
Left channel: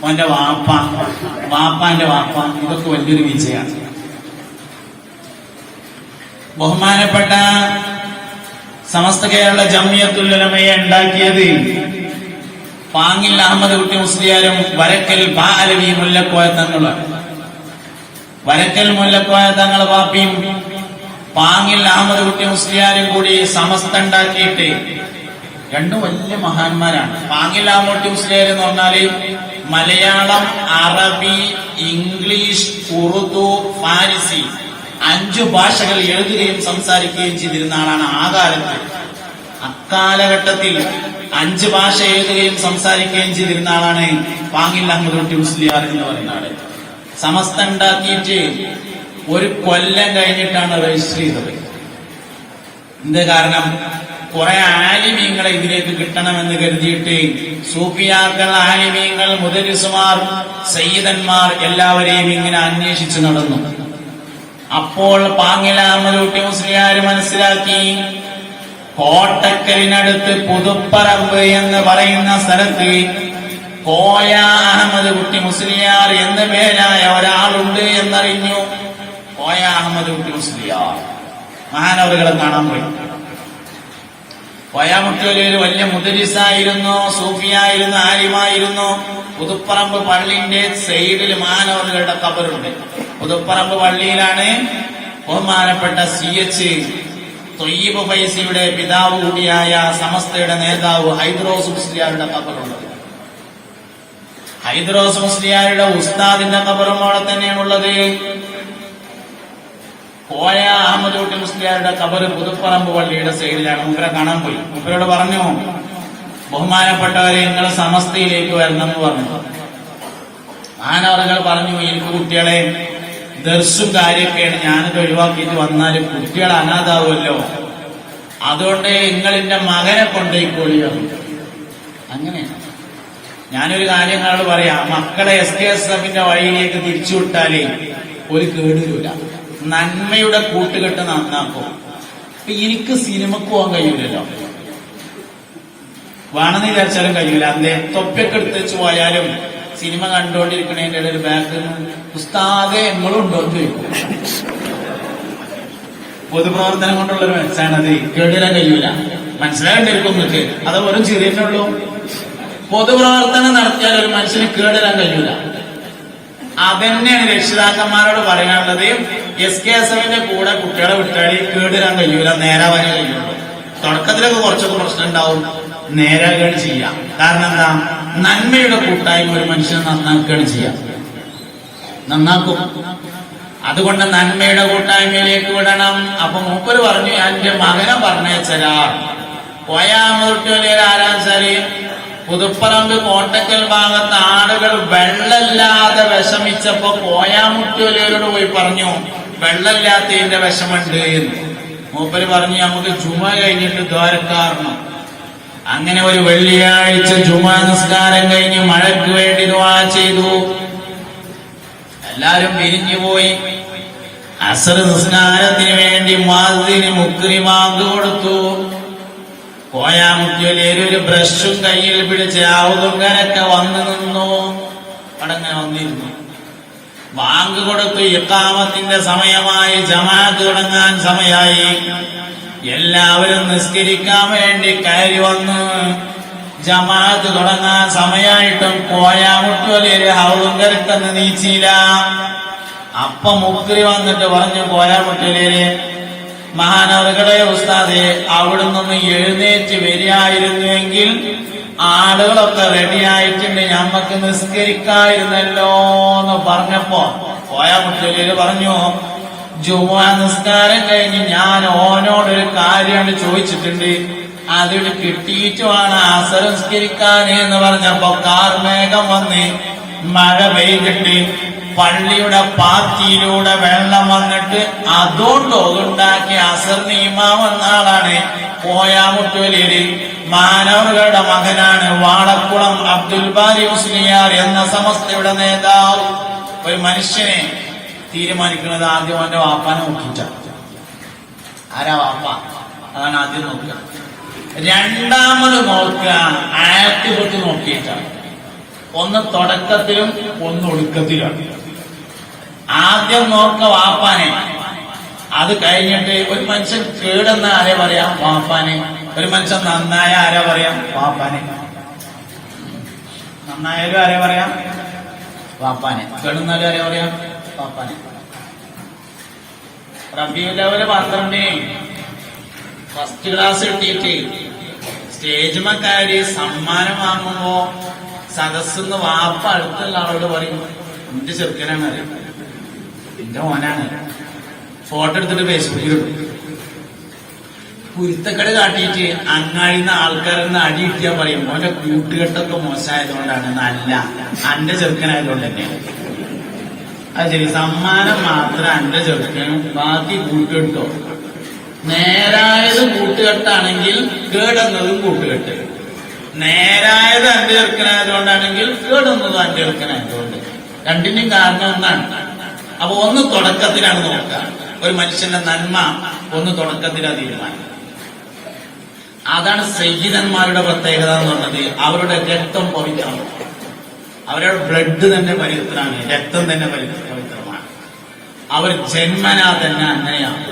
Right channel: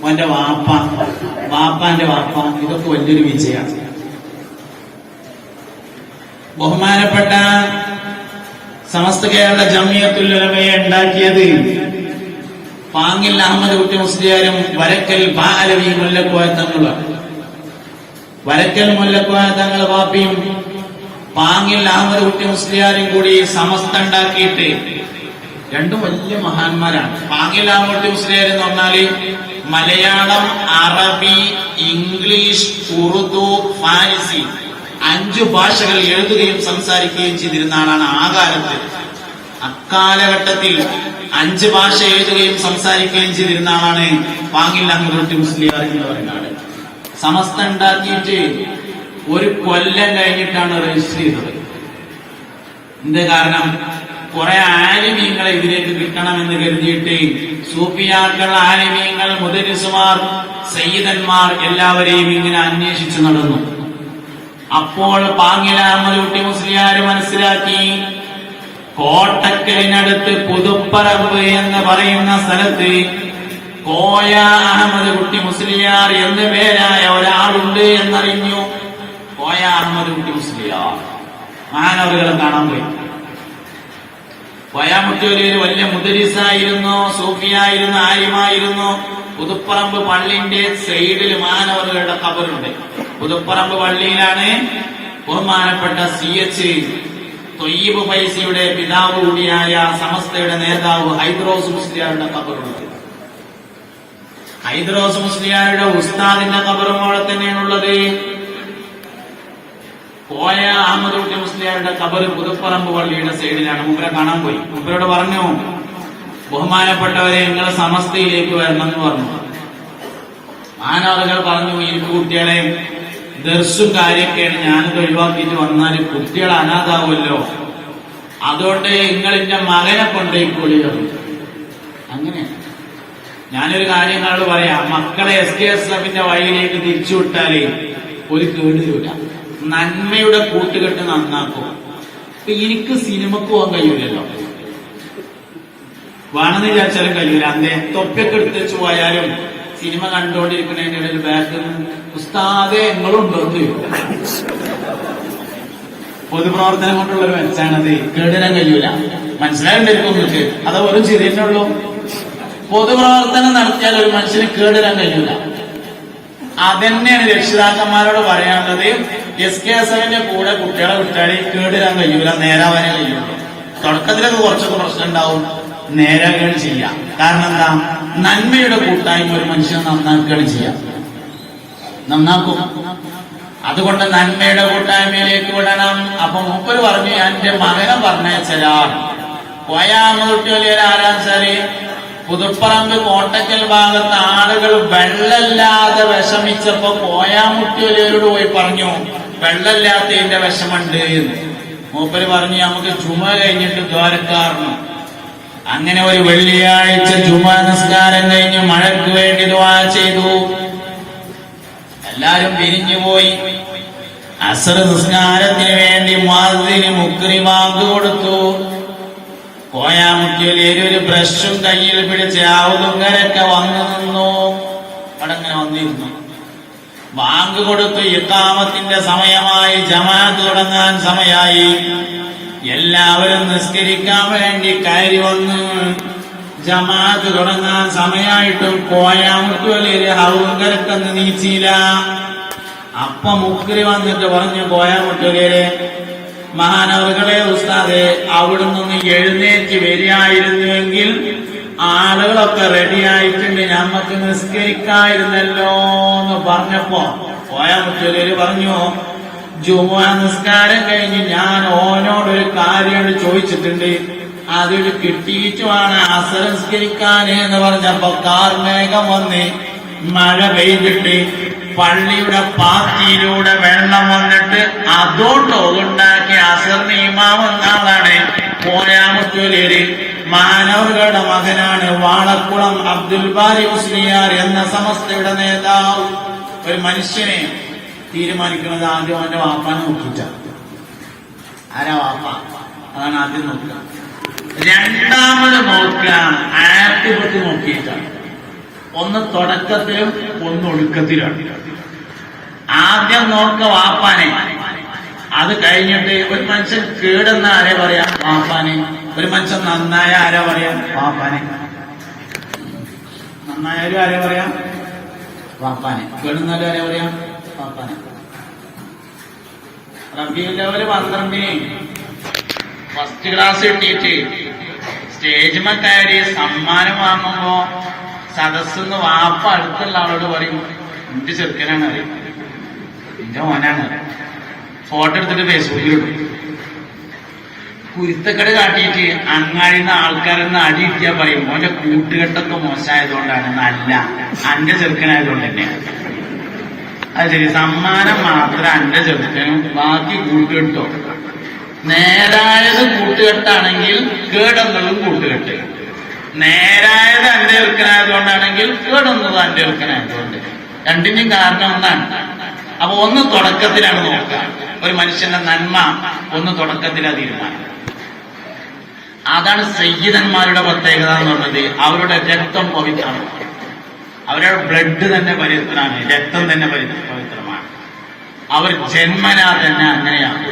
അവന്റെ വാപ്പാന്റെ വാപ്പ, ഇതൊക്കെ വലിയൊരു വിജയമാണ്. ബഹുമാനപ്പെട്ട സമസ്ത കേരള ജംഇയ്യത്തുൽ ഉലമയെ ഉണ്ടാക്കിയത് പാങ്ങിൽ അഹമ്മദ് കുട്ടി മുസ്ലിയാരും വരക്കൽ ബാലവി മുല്ലക്കോയ തങ്ങളാണ്. വരക്കൽ മുല്ലക്കോയ തങ്ങൾ വാപ്പിയും പാങ്ങിൽ അഹമ്മദ് കുട്ടി മുസ്ലിയാരും കൂടി സമസ്ത ഉണ്ടാക്കിയിട്ട് 2 വലിയ മഹാന്മാരാണ്. പാങ്ങിൽ അഹമ്മദ് കുട്ടി മുസ്ലിയാർ എന്ന് പറഞ്ഞാല് മലയാളം, അറബി, ഇംഗ്ലീഷ്, ഉറുദു, ഫാരിസി 5 ഭാഷകൾ എഴുതുകയും സംസാരിക്കുകയും ചെയ്തിരുന്ന ആളാണ്. ആ കാലത്ത്, അക്കാലഘട്ടത്തിൽ 5 ഭാഷ എഴുതുകയും സംസാരിക്കുകയും ചെയ്തിരുന്ന ആളാണ് പാങ്ങിൽ അഹമ്മദ് കുട്ടി മുസ്ലിയാർ എന്ന് പറയുന്ന ആള്. സമസ്ത ഉണ്ടാക്കിയിട്ട് 1 കൊല്ലം കഴിഞ്ഞിട്ടാണ് രജിസ്റ്റർ ചെയ്തത്. എന്ത് കാരണം? കുറെ ആലിമീങ്ങളെ ഇതിലേക്ക് കിട്ടണമെന്ന് കരുതിയിട്ട് സൂഫിയാക്കൾ, ആലിമീങ്ങൾ, മുദരിസുമാർ, സയ്യിദന്മാർ എല്ലാവരെയും ഇങ്ങനെ അന്വേഷിച്ചു നടന്നു. അപ്പോൾ പാങ്ങിൽ അഹമ്മദ് കുട്ടി മുസ്ലിയാർ മനസ്സിലാക്കി, കോട്ടക്കലിനടുത്ത് പുതുപ്പറമ്പ് എന്ന് പറയുന്ന സ്ഥലത്ത് കോയ അഹമ്മദ് കുട്ടി മുസ്ലിയാർ എന്ന പേരായ ഒരാളുണ്ട് എന്നറിഞ്ഞു. കോയ അഹമ്മദ് കുട്ടി മുസ്ലിയാർ മഹാനവറുകളെ കാണാൻ പോയി. കോയ മുട്ടിയൊരു വലിയ മുദരിസായിരുന്നു, സൂഫിയായിരുന്നു, ആലിമായിരുന്നു. പുതുപ്പറമ്പ് പള്ളിന്റെ സൈഡിൽ മഹാനവറുകളുടെ ഖബറുണ്ട്. പുതുപ്പറമ്പ് പള്ളിയിലാണ് ബഹുമാനപ്പെട്ട CH തൊയ്യിബ് ഫൈസിയുടെ പിതാവ് കൂടിയായ സമസ്തയുടെ നേതാവ് ഹൈദ്രോസ് മുസ്ലിയാരുടെ ഖബറുണ്ട്. ഹൈദ്രോസ് മുസ്ലിയാരുടെ ഉസ്താദിന്റെ ഖബറും അവിടെ തന്നെയാണുള്ളത്. കോയ അഹമ്മദ് കുട്ടി മുസ്ലിയാരുടെ ഖബർ പുതുപ്പറമ്പ് പള്ളിയുടെ സൈഡിലാണ്. മൂപ്പരെ കാണാൻ പോയി. മൂപ്പരോട് പറഞ്ഞു, ബഹുമാനപ്പെട്ടവരെ നിങ്ങൾ സമസ്തയിലേക്ക് വരണം എന്ന് പറഞ്ഞു. മാനവറുകൾ പറഞ്ഞു, എനിക്ക് കുട്ടികളെ ദർസും കാര്യമൊക്കെയാണ്, ഞാനത് ഒഴിവാക്കിയിട്ട് വന്നാലും കുട്ടികൾ അനാഥാവുമല്ലോ, അതുകൊണ്ട് നിങ്ങൾ എന്റെ മകനെ കൊണ്ടേക്കോളിയോ. അങ്ങനെയാണ്. ഞാനൊരു കാര്യം നിങ്ങളോട് പറയാം, മക്കളെ SKSFന്റെ വഴിയിലേക്ക് തിരിച്ചുവിട്ടാലേ ഒരു കേടില്ല. നന്മയുടെ കൂട്ടുകെട്ട് നന്നാക്കും. ഇപ്പൊ എനിക്ക് സിനിമക്ക് പോകാൻ കഴിയൂലല്ലോ, വേണമെന്ന് വിചാരിച്ചാലും കഴിയൂല. അല്ലേ തൊപ്പൊക്കെ എടുത്ത് വെച്ച് പോയാലും സിനിമ കണ്ടുകൊണ്ടിരിക്കണതിന്റെ ഇടയിൽ ബാക്കിൽ ഉസ്താദെ എങ്ങളുണ്ടോ എന്ന് ചോദിക്കും. പൊതുപ്രവർത്തനം കൊണ്ടുള്ളൊരു മെച്ചാണത്. കേടിടാൻ കഴിയൂല. മനസ്സിലായിട്ടിരിക്കും നിങ്ങൾക്ക്. അത് വെറും ചിരിയുള്ളൂ. പൊതുപ്രവർത്തനം നടത്തിയാൽ ഒരു മനുഷ്യന് കേടിടാൻ കഴിയൂല. അതന്നെയാണ് രക്ഷിതാക്കന്മാരോട് പറയാനുള്ളത്. SKSFന്റെ കൂടെ കുട്ടികളെ വിട്ടാൽ കേടിടാൻ കഴിയൂല, നേരാവാനേ കഴിയുള്ളൂ. തുടക്കത്തിലൊക്കെ കുറച്ചൊക്കെ പ്രശ്നം ഉണ്ടാവും, നേരാകുകയാണ് ചെയ്യാം. കാരണം എന്താ, നന്മയുടെ കൂട്ടായ്മ ഒരു മനുഷ്യനെ നന്നാക്കുകയാണ് ചെയ്യാം, നന്നാക്കും. അതുകൊണ്ട് നന്മയുടെ കൂട്ടായ്മയിലേക്ക് വിടണം. അപ്പൊ മൂപ്പര് പറഞ്ഞു, ഞാൻ എന്റെ മകനെ പറഞ്ഞയച്ചരാ. കോയാമൂട്ടിയൊലിയിൽ ആരാച്ചാല് പുതുപ്പറമ്പ് കോട്ടക്കൽ ഭാഗത്ത് ആളുകൾ വെള്ളമില്ലാതെ വിഷമിച്ചപ്പോ കോയാമുട്ടിയൊലിയോട് പോയി പറഞ്ഞു, വെള്ളമില്ലാത്തതിന്റെ വിഷമുണ്ട്. മൂപ്പര് പറഞ്ഞു, നമുക്ക് ജുമ കഴിഞ്ഞിട്ട് ദ്വാരക്കാർന്നു. അങ്ങനെ ഒരു വെള്ളിയാഴ്ച ജുമ നിസ്കാരം കഴിഞ്ഞ് മഴയ്ക്ക് വേണ്ടി ദുആ ചെയ്തു. എല്ലാരും പിരിഞ്ഞുപോയി. അസ്ർ നിസ്കാരത്തിന് വേണ്ടി മുഅദ്ദിന് മുക്രിമാങ്ക് കൊടുത്തു. കോയാമുട്ടിയൊലിയിൽ ഒരു ബ്രഷും കയ്യിൽ പിടിച്ച് ആവുതുങ്ങരൊക്കെ വന്നു നിന്നു. അടങ്ങനെ വന്നിരുന്നു. ബാങ്ക് കൊടുത്തു. ഇഖാമത്തിന്റെ സമയമായി, ജമാഅത്ത് തുടങ്ങാൻ സമയമായി. എല്ലാവരും നിസ്കരിക്കാൻ വേണ്ടി കയറി വന്നു. ജമാഅത്ത് തുടങ്ങാൻ സമയമായിട്ടും കോയാമുട്ടിയൊലിയിൽ ആവുതുങ്കരക്കൊന്ന് നീച്ചില്ല. അപ്പൊ മുക്രി വന്നിട്ട് പറഞ്ഞു, കോയാമുട്ടിയൊലിയിലെ മഹാനവർകളെ ഉസ്താദെ, അവിടുന്ന് എഴുന്നേറ്റ് വരികയായിരുന്നുവെങ്കിൽ ആളുകളൊക്കെ റെഡിയായിട്ടുണ്ട്, ഞമ്മക്ക് നിസ്കരിക്കായിരുന്നല്ലോ എന്ന് പറഞ്ഞപ്പോ കോയാമുട്ടിയൊലിയിൽ പറഞ്ഞു, ജുമുഅ നിസ്കാരം കഴിഞ്ഞ് ഞാൻ ഓനോടൊരു കാര്യം ചോദിച്ചിട്ടുണ്ട്, അതിന് കിട്ടിയിട്ടുമാണ് അസ്ർ നിസ്കരിക്കാന് എന്ന് പറഞ്ഞപ്പോ കാർമേഘം വന്ന് മഴ പെയ്തിട്ട് പള്ളിയുടെ പാത്തിയിലൂടെ വെള്ളം വന്നിട്ട് അതുകൊണ്ട് ഉണ്ടാക്കിയ അസറിന് ഇമാമെന്ന ആളാണ് കോയാമുട്ടിയൊലിയിൽ. മാനവരുടെ മകനാണ് വാളക്കുളം അബ്ദുൽ ബാരി മുസ്ലിയാർ എന്ന സമസ്തയുടെ നേതാവ്. ഒരു മനുഷ്യനെ തീരുമാനിക്കുന്നത് ആദ്യം അവന്റെ വാപ്പാനെ നോക്കിയിട്ടാണ്. ആരാ വാപ്പ? അതാണ് ആദ്യം നോക്കുക. രണ്ടാമത് നോക്കുക ആക്ടിവിറ്റി നോക്കിയിട്ടാണ്. ഒന്ന് തുടക്കത്തിലും ഒന്ന് ഒടുക്കത്തിലാണ്. ആദ്യം നോക്ക വാപ്പാനെ. അത് കഴിഞ്ഞിട്ട് ഒരു മനുഷ്യൻ കേടെന്ന ആരെ പറയാം? വാപ്പാനെ. ഒരു മനുഷ്യൻ നന്നായ ആരാ പറയാം? വാപ്പാനെ. നന്നായാലും ആരെ പറയാം? വാപ്പാനെ. കേടുന്നാലും ആരെ പറയാം? വാപ്പാനെ. റബീഉൽ അവ്വൽ 12 ഫസ്റ്റ് ക്ലാസ് കിട്ടിയിട്ട് സ്റ്റേജ് കയറി സമ്മാനം വാങ്ങുമ്പോ സദസ്സെന്ന് വാപ്പ അടുത്തുള്ള ആളോട് പറയും, എന്റെ ചെറുക്കനാണ് അറിയും, എന്റെ മോനാണ്. ഫോട്ടോ എടുത്തിട്ട് ഫേസ്ബുക്കിലിടും. കുരുത്തക്കട് കാട്ടിയിട്ട് അങ്ങാടിന്ന് ആൾക്കാരെന്ന് അടി കിട്ടിയാ പറയും, ഓന്റെ കൂട്ടുകെട്ടൊക്കെ മോശമായതുകൊണ്ടാണ്, നല്ല അന്റെ ചെറുക്കനായതുകൊണ്ട് തന്നെയാണ്. അത് ശരി, സമ്മാനം മാത്രം അന്റെ ചെറുക്കനും, ബാക്കി കൂട്ടുകെട്ടോ. നേരായത് കൂട്ടുകെട്ടാണെങ്കിൽ കേടുന്നതും കൂട്ടുകെട്ട്. നേരായത് അന്റെ ചെറുക്കനായതുകൊണ്ടാണെങ്കിൽ കേടുന്നത് അന്റെ ചെറുക്കനായതുകൊണ്ട്. രണ്ടിന്റെയും കാരണം ഒന്നാണ്. അപ്പൊ ഒന്ന് തുടക്കത്തിലാണ് നോക്കുക. ഒരു മനുഷ്യന്റെ നന്മ ഒന്ന് തുടക്കത്തിലാ തീരുമാനം. അതാണ് സയ്യിദന്മാരുടെ പ്രത്യേകത എന്ന് പറഞ്ഞത്. അവരുടെ രക്തം പവിത്രമാണ്. അവരുടെ ബ്ലഡ് തന്നെ പവിത്രമാണ്, രക്തം തന്നെ പവിത്രമാണ്. അവർ ജന്മനാ തന്നെ അങ്ങനെയാണ്.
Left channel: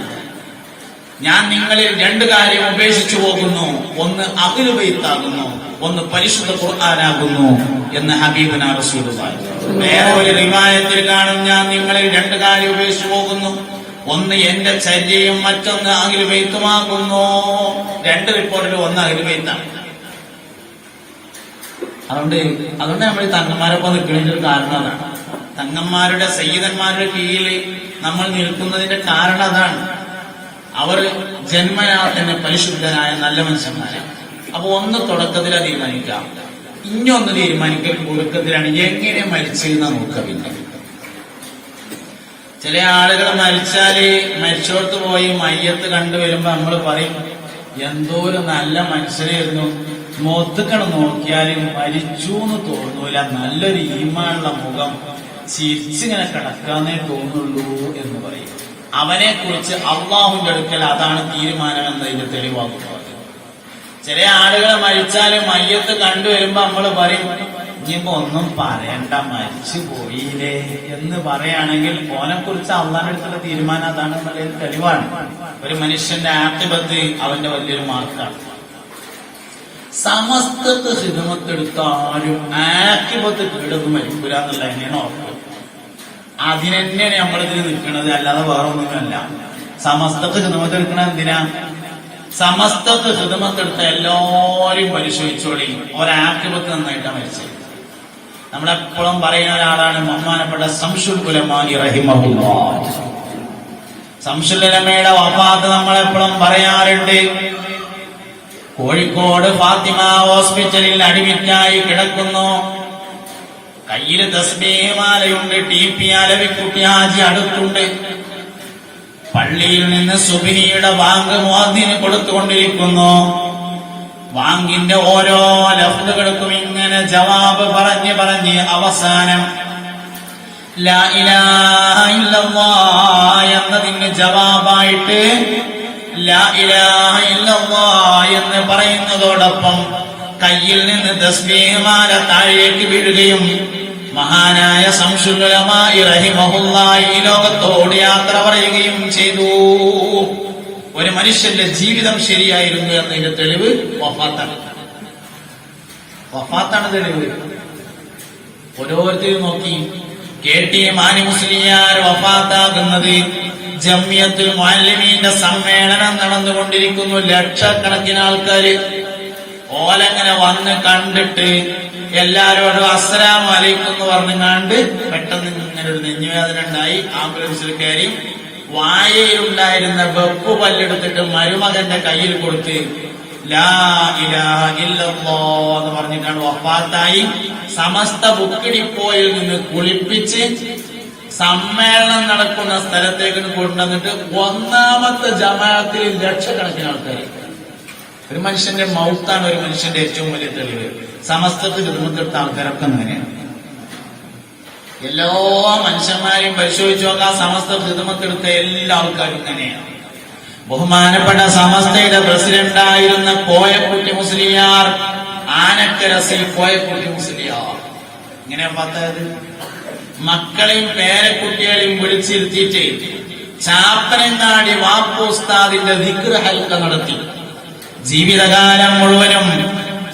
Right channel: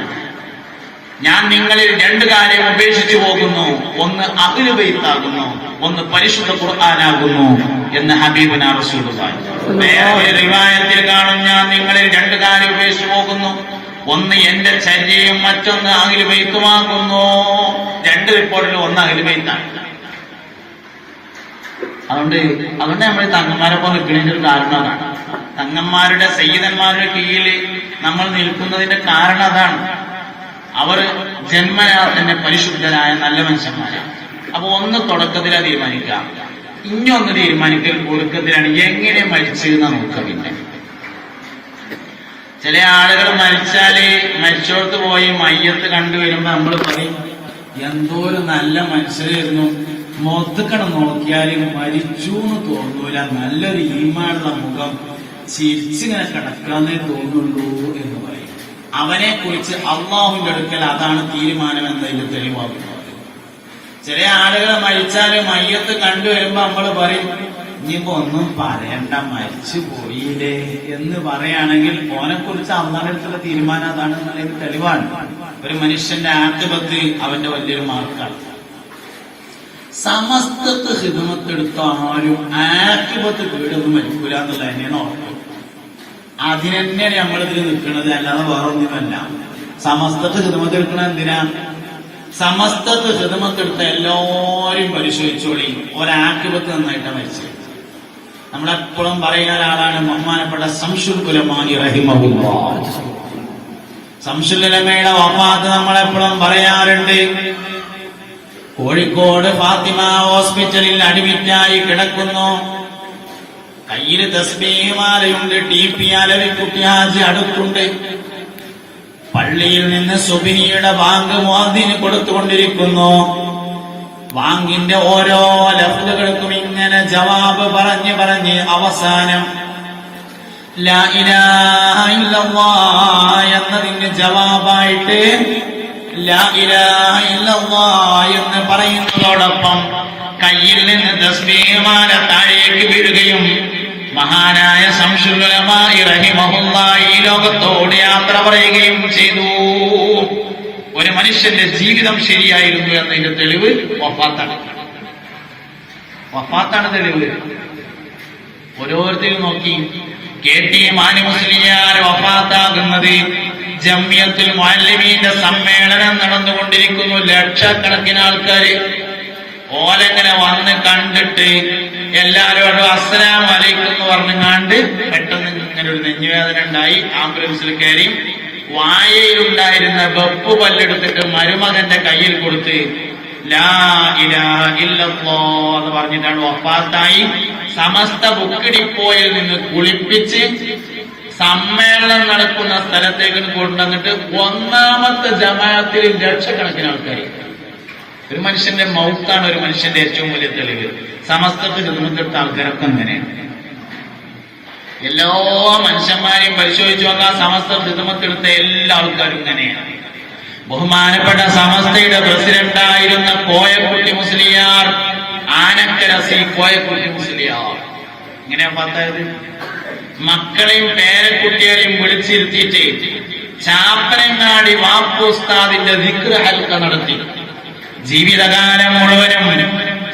ഞാൻ നിങ്ങളിൽ 2 കാര്യം ഉപേക്ഷിച്ചു പോകുന്നു, ഒന്ന് അഹ്ലു ബൈത്താകുന്നു, ഒന്ന് പരിശുദ്ധ ഖുർആനാകുന്നു എന്ന് ഹബീബുനാ റസൂലുള്ളാഹി. വേറെ ഒരു റിവായത്തിൽ കാണും, ഞാൻ നിങ്ങളിൽ 2 കാര്യം ഉപേക്ഷിച്ചു പോകുന്നു, ഒന്ന് എന്റെ ചര്യയും മറ്റൊന്ന് അഹ്ലു ബൈത്തുമാകുന്നു. 2 റിപ്പോർട്ടിൽ ഒന്ന് അഹ്ലു ബൈത്താണ്. അതുകൊണ്ട് നമ്മൾ തങ്ങന്മാരൊപ്പം നിൽക്കുന്നതിന്റെ ഒരു കാരണം അതാണ്. തങ്ങന്മാരുടെ സയ്യിദന്മാരുടെ കീഴിൽ നമ്മൾ നിൽക്കുന്നതിന്റെ കാരണം അതാണ്. അവർ ജന്മനാ തന്നെ പരിശുദ്ധനായ നല്ല മനുഷ്യന്മാരാണ്. അപ്പൊ ഒന്ന് തുടക്കത്തിലാ തീരുമാനിക്കാം, ഇനിയൊന്ന് തീരുമാനിക്കൽ ഒടുക്കത്തിലാണ്. എങ്ങനെ മരിച്ചതെന്നാ നോക്കുക. പിന്നെ ചില ആളുകൾ മരിച്ചാല് മരിച്ചോടത്ത് പോയി മയ്യത്ത് കണ്ടുവരുമ്പോ നമ്മൾ പറയും, എന്തോ ഒരു നല്ല മനുഷ്യരായിരുന്നു, മൊത്തക്കണം നോക്കിയാലും മരിച്ചു എന്ന് തോന്നൂല, നല്ലൊരു ഈമാനുള്ള മുഖം, ചിരിച്ചിങ്ങനെ കിടക്കാന്നേ തോന്നുള്ളൂ എന്ന് പറയും. അവനെ കുറിച്ച് അള്ളാഹുവിന്റെ അടുക്കൽ അതാണ് തീരുമാനമെന്നതിന് തെളിവാകുന്നത്. ചില ആളുകൾ മരിച്ചാലും മയ്യത്ത് കണ്ടുവരുമ്പോ നമ്മൾ പറയും, ഇനിയിപ്പോ ഒന്നും പറയണ്ട, മരിച്ചു പോയില്ലേ എന്ന് പറയുകയാണെങ്കിൽ ഓനെ കുറിച്ച് അള്ളാഹിന്റെ അടുത്തുള്ള തീരുമാനം അതാണ് എന്നുള്ളത് തെളിവാണ്. ഒരു മനുഷ്യന്റെ ആക്തിപത്ത് അവന്റെ വലിയൊരു മാർക്കാണ്. സമസ്തക്ക് ഹിദമത്തെടുത്താലും ആക്തിപത്ത് വീടൊന്നും മരിക്കൂല എന്നുള്ള തന്നെയാണ് ഓർക്കുക. അതിനെന്നെയാണ് നമ്മളിതിൽ നിൽക്കുന്നത്, അല്ലാതെ വേറെ ഒന്നുമല്ല. സമസ്തക്ക് ഹിദമത്തെടുക്കണ എന്തിനാ? സമസ്തത്ത് ഹിദമത്തെടുത്ത എല്ലാവരും പരിശോധിച്ചോളി. ഒരാക്കിബത്ത് നന്നായിട്ടാണ് മരിച്ചത്. നമ്മളെപ്പോഴും പറയുന്ന ഒരാളാണ് ബഹുമാനപ്പെട്ട ശംസുൽ ഉലമാഇ റഹിമഹുല്ലാഹ്. ശംസുൽ ഉലമയുടെ വഫാത്ത് നമ്മളെപ്പോഴും പറയാറുണ്ട്. കോഴിക്കോട് ഫാത്തിമ ഹോസ്പിറ്റലിൽ അഡ്മിറ്റായി കിടക്കുന്നു. കയ്യിൽ തസ്ബീഹ് മാലയുണ്ട്. TP അലവിക്കുട്ടി ഹാജി അടുത്തുണ്ട്. പള്ളിയിൽ നിന്ന് സുബ്ഹിയുടെ ബാങ്ക് മുഅദ്ദിന് കൊടുത്തുകൊണ്ടിരിക്കുന്നു. ബാങ്കിന്റെ ഓരോ ലഫ്ളുകൾക്കും ഇങ്ങനെ ജവാബ് പറഞ്ഞ് അവസാനം ലാ ഇലാഹ ഇല്ലല്ലാഹ് എന്നതിന് ജവാബായിട്ട് ലാ ഇലാഹ ഇല്ലല്ലാഹ് എന്ന് പറയുന്നതോടൊപ്പം കയ്യിൽ നിന്ന് തസ്ബീഹ് മാല താഴേക്ക് വീഴുകയും മഹാനായ ശംസുൽ ഉലമാഇ റഹിമഹുല്ലാഹ് ഈ ലോകത്തോട് യാത്ര പറയുകയും ചെയ്തു. ഒരു മനുഷ്യന്റെ ജീവിതം ശരിയായിരുന്നു എന്നതിന്റെ തെളിവ് വഫാത്താണ് തെളിവ്. ഓരോരുത്തരും നോക്കി. KT മാനി മുസ്ലിയാർ വഫാത്താകുന്നത് ജംഇയ്യത്തുൽ മുഅല്ലിമീന്റെ സമ്മേളനം നടന്നുകൊണ്ടിരിക്കുന്നു. ലക്ഷക്കണക്കിന് ആൾക്കാര് ഓലങ്ങനെ വന്ന് കണ്ടിട്ട് എല്ലാരോടും അസ്സലാമു അലൈക്കും എന്ന് പറഞ്ഞുകൊണ്ട് പെട്ടെന്ന് ഇങ്ങനെ ഒരു നെഞ്ഞുവേദന ഉണ്ടായി. ആംബുലൻസിൽ കയറി. വായയിലുണ്ടായിരുന്ന വെപ്പ് പല്ലെടുത്തിട്ട് മരുമകന്റെ കയ്യിൽ കൊടുത്ത് ലാ ഇലാഹ ഇല്ലല്ലാഹ് എന്ന് പറഞ്ഞിട്ടാണ് വഫാത്തായി. സമസ്ത ബുക്ക് ഡിപ്പോയിൽ നിന്ന് കുളിപ്പിച്ച് സമ്മേളനം നടക്കുന്ന സ്ഥലത്തേക്ക് കൊണ്ടുവന്നിട്ട് ഒന്നാമത്തെ ജമാഅത്തിൽ ലക്ഷക്കണക്കിന് ആൾക്കാർ. ഒരു മനുഷ്യന്റെ മൗത്താണ് ഒരു മനുഷ്യന്റെ ഏറ്റവും വലിയ തെളിവ്. സമസ്തക്ക് ഹിദ്മത്തെടുത്ത ആൾക്കാരൊക്കെ അങ്ങനെയാണ്. എല്ലാ മനുഷ്യന്മാരെയും പരിശോധിച്ചു നോക്കാം. സമസ്ത ഹിദ്മത്തെടുത്ത എല്ലാ ആൾക്കാരും ഇങ്ങനെയാണ്. ബഹുമാനപ്പെട്ട സമസ്തയുടെ പ്രസിഡന്റായിരുന്ന കോയക്കുട്ടി മുസ്ലിയാർ, ആനക്കര സി കോയക്കുട്ടി മുസ്ലിയാർ ഇങ്ങനെ പത്തായത് മക്കളെയും പേരക്കുട്ടികളെയും വിളിച്ചിരുത്തിയിട്ട് ചാപ്പനങ്ങാടി വാപ്പുസ്താദിന്റെ ദിക്ർ ഹൽക്ക നടത്തി. ജീവിതകാലം മുഴുവനും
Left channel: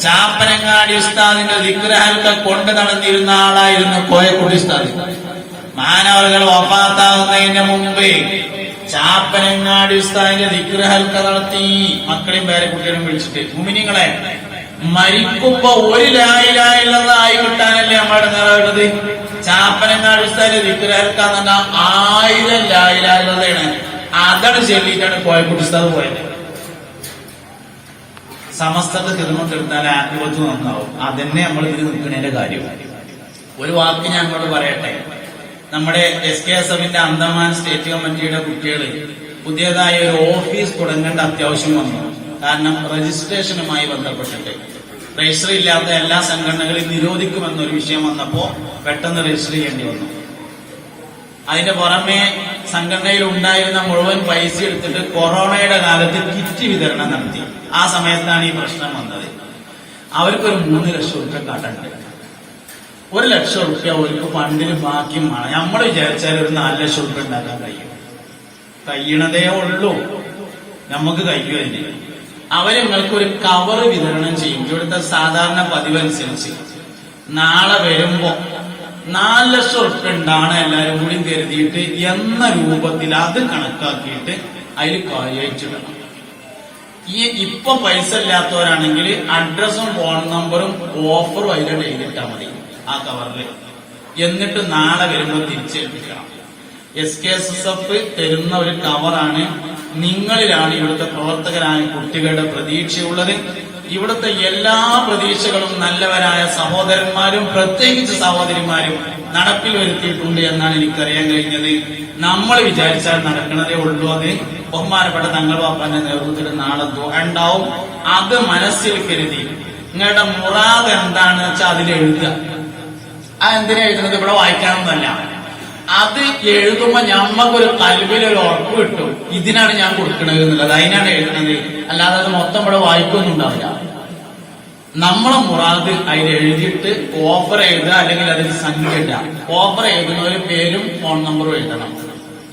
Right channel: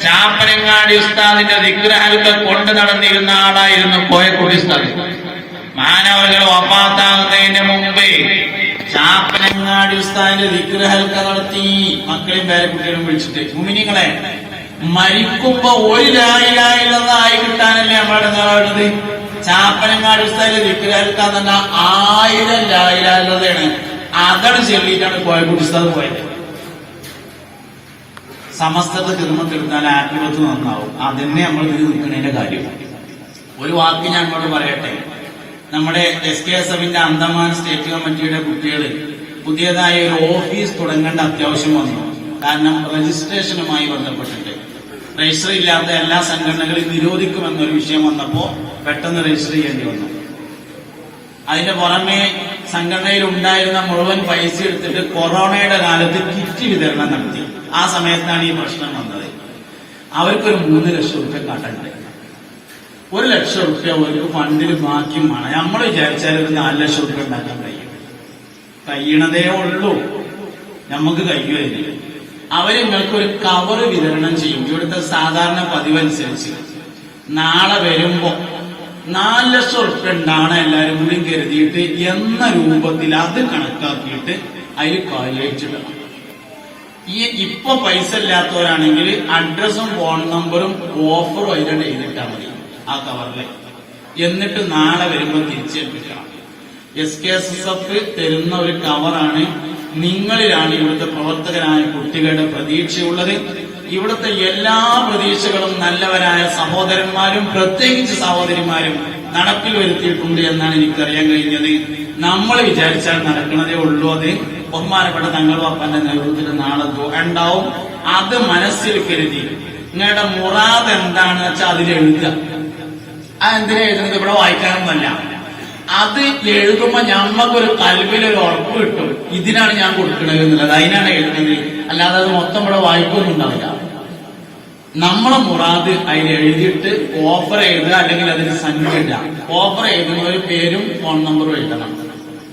ചാപ്പനങ്ങാടി ഉസ്താദിന്റെ ദിക്ർ ഹൽക്ക കൊണ്ട് നടന്നിരുന്ന ആളായിരുന്നു കോയക്കുട്ടി ഉസ്താദ്. മാനവകൾ വഫാത്താകുന്നതിന് മുമ്പേ ചാപ്പനങ്ങാടി ഉസ്താദിന്റെ ദിക്ർ ഹൽക്ക നടത്തി. മക്കളെയും പേരക്കുട്ടികളും വിളിച്ചിട്ട് മുഅ്മിനീങ്ങളെ, മരിക്കുമ്പോ ഒരു ലാ ഇലാഹ ഇല്ലല്ലാഹ് ആയി കിട്ടാനല്ലേ നമ്മുടെ നിലവിലുള്ളത്. ചാപ്പനങ്ങാടി ഉസ്താദിന്റെ ദിക്ർ ഹൽക്ക എന്ന് പറഞ്ഞാൽ 1000 ലാ ഇലാഹ ഇല്ലല്ലാഹയാണ്. അതാണ് ചൊല്ലിയിട്ടാണ് കോയക്കുട്ടി ഉസ്താദ് പോയത്. സമസ്തത്തെ ഹിദ്മത്തെടുത്താൽ ആത്മീയത്ത് നന്നാവും. അതന്നെ നമ്മൾ ഇതിന് നിൽക്കുന്നതിന്റെ കാര്യം. ഒരു വാക്ക് ഞാൻ അങ്ങോട്ട് പറയട്ടെ. നമ്മുടെ SKSFന്റെ അന്തമാൻ സ്റ്റേറ്റ് കമ്മിറ്റിയുടെ കുട്ടികൾ പുതിയതായി ഒരു ഓഫീസ് തുടങ്ങേണ്ട അത്യാവശ്യം വന്നു. കാരണം രജിസ്ട്രേഷനുമായി ബന്ധപ്പെട്ടിട്ട് രജിസ്റ്റർ ഇല്ലാത്ത എല്ലാ സംഘടനകളും നിരോധിക്കുമെന്നൊരു വിഷയം വന്നപ്പോ പെട്ടെന്ന് രജിസ്റ്റർ ചെയ്യേണ്ടി വന്നു. അതിന്റെ പുറമെ സംഘടനയിൽ ഉണ്ടായിരുന്ന മുഴുവൻ പൈസ എടുത്തിട്ട് കൊറോണയുടെ കാലത്ത് കിറ്റ് വിതരണം നടത്തി. ആ സമയത്താണ് ഈ പ്രശ്നം വന്നത്. അവർക്കൊരു 3 ലക്ഷം രൂപ കടണ്ട്. 1 ലക്ഷം രൂപ അവർക്ക് ഫണ്ടിന് ബാക്കിയുമാണ്. നമ്മൾ വിചാരിച്ചാൽ ഒരു 4 ലക്ഷം രൂപ ഉണ്ടാക്കാൻ കഴിയണതേ ഉള്ളൂ. നമുക്ക് കഴിയുമല്ലേ. അവര് നിങ്ങൾക്ക് ഒരു കവർ വിതരണം ചെയ്യും. ഇവിടുത്തെ സാധാരണ പതിവനുസരിച്ച് നാളെ വരുമ്പോ 4 ലക്ഷം രൂപ ഉണ്ടാണ് എല്ലാവരും കൂടി കരുതിയിട്ട് എന്ന രൂപത്തിൽ അത് കണക്കാക്കിയിട്ട് അതിൽ കായച്ചിടണം. ഇപ്പൊ പൈസ ഇല്ലാത്തവരാണെങ്കിൽ അഡ്രസ്സും ഫോൺ നമ്പറും ഓഫറും അതിലൂടെ എഴുതിട്ടാൽ മതി ആ കവറില്. എന്നിട്ട് നാളെ വരുമ്പോൾ തിരിച്ചേൽപ്പിക്കണം. SKSF തരുന്ന ഒരു കവറാണ്. നിങ്ങളിലാണ് ഇവിടുത്തെ പ്രവർത്തകരായ കുട്ടികളുടെ പ്രതീക്ഷയുള്ളത്. ഇവിടുത്തെ എല്ലാ പ്രതീക്ഷകളും നല്ലവരായ സഹോദരന്മാരും പ്രത്യേകിച്ച് സഹോദരിമാരും നടപ്പിൽ വരുത്തിയിട്ടുണ്ട് എന്നാണ് എനിക്കറിയാൻ കഴിഞ്ഞത്. നമ്മൾ വിചാരിച്ചാൽ നടക്കുന്നതേ ഉള്ളൂ. അത് ബഹുമാനപ്പെട്ട തങ്ങൾ വാപ്പന്റെ നേതൃത്വത്തിൽ നാളെ ദുആ ഉണ്ടാവും. അത് മനസ്സിൽ കരുതി നിങ്ങളുടെ മുറാദ് എന്താണെന്ന് വെച്ചാൽ അതിൽ എഴുതുക. അതെന്തിനാ എഴുതുന്നത്? ഇവിടെ വായിക്കാനൊന്നുമല്ല. അത് എഴുതുമ്പോ ഞമ്മക്കൊരു കൽവിലൊരു ഉറപ്പ് കിട്ടും, ഇതിനാണ് ഞാൻ കൊടുക്കണത് എന്നുള്ളത്. അതിനാണ് എഴുതുന്നത്. അല്ലാതെ അത് മൊത്തം ഇവിടെ വായിക്കൊന്നും ഉണ്ടാവില്ല. നമ്മളെ മുറാദ് അതിൽ എഴുതിയിട്ട് ഓഫർ എഴുതുക, അല്ലെങ്കിൽ അതിന് സംഖ്യ ഇല്ല. ഓഫർ എഴുതുന്ന ഒരു പേരും ഫോൺ നമ്പറും എഴുതണം.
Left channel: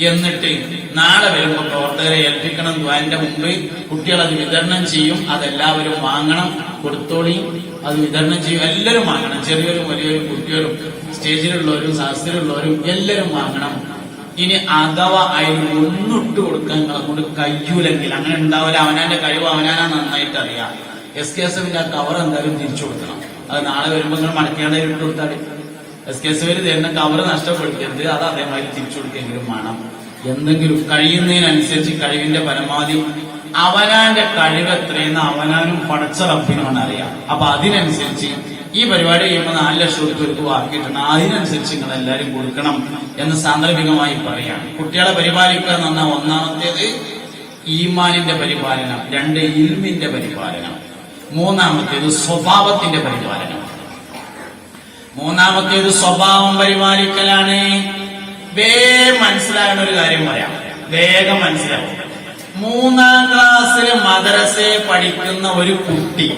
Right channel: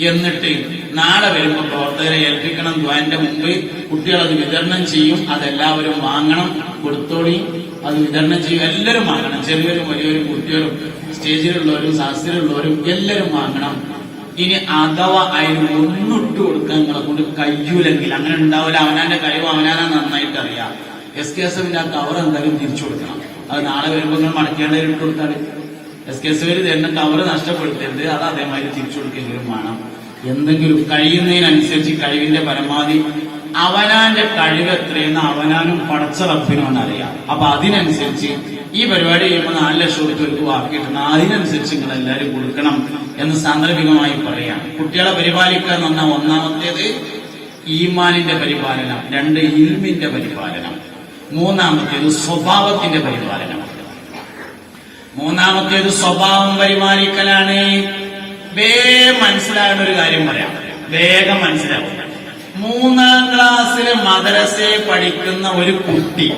എന്നിട്ട് നാളെ വരുമ്പോൾ പ്രവർത്തകരെ ഏൽപ്പിക്കണം. അതിന്റെ മുമ്പ് കുട്ടികൾ അത് വിതരണം ചെയ്യും. അതെല്ലാവരും വാങ്ങണം. കൊടുത്തോളിയും അത് വിതരണം ചെയ്യും. എല്ലാവരും വാങ്ങണം. ചെറിയൊരും വലിയൊരും കുട്ടികളും സ്റ്റേജിലുള്ളവരും സദസ്സിലുള്ളവരും എല്ലാവരും വാങ്ങണം. ഇനി അഥവാ അതിന് ഒന്നിട്ട് കൊടുക്കാൻ നിങ്ങളെ കൊണ്ട് കഴിയൂലെങ്കിൽ, അങ്ങനെ ഉണ്ടാവില്ല, അവനാന്റെ കഴിവ് അവനാനെ നന്നായിട്ട് അറിയാം, SKSFന്റെ ആ കവർ എന്തായാലും തിരിച്ചു കൊടുക്കണം. അത് നാളെ വരുമ്പോൾ നിങ്ങൾ മടക്കേണ്ട ഇട്ട് കൊടുത്താൽ SKSFിൽ തരുന്ന കവർ നഷ്ടപ്പെടുത്തരുത്, അത് അതേമാതിരി തിരിച്ചു കൊടുക്കെങ്കിലും വേണം. എന്തെങ്കിലും കഴിയുന്നതിനനുസരിച്ച് കഴിവിന്റെ പരമാവധി അവനാന്റെ കഴിവ് എത്രയെന്ന് അവനാനും പടച്ച റബ്ബിനുമാണ് അറിയാം. അപ്പൊ അതിനനുസരിച്ച് ഈ പരിപാടി ചെയ്യുമ്പോൾ 4 ലക്ഷം രൂപയ്ക്ക് ബാക്കി കിട്ടുന്ന അതിനനുസരിച്ച് നിങ്ങൾ എല്ലാവരും കൊടുക്കണം എന്ന് സാന്ദർഭികമായി പറയാം. കുട്ടികളെ പരിപാലിക്കുക എന്ന് പറഞ്ഞാൽ ഒന്നാമത്തേത് ഈമാനിന്റെ പരിപാലനം, 2 ഇൽമിന്റെ പരിപാലനം, മൂന്നാമത്തേത് സ്വഭാവത്തിന്റെ പരിപാലനം. മൂന്നാമത്തേത് സ്വഭാവം പരിപാലിക്കലാണ്. വേഗം മനസ്സിലാകുന്ന ഒരു കാര്യം പറയാം, വേഗം മനസ്സിലാവും. 3ാം ക്ലാസ്സിൽ മദ്രസയെ പഠിക്കുന്ന ഒരു കുട്ടി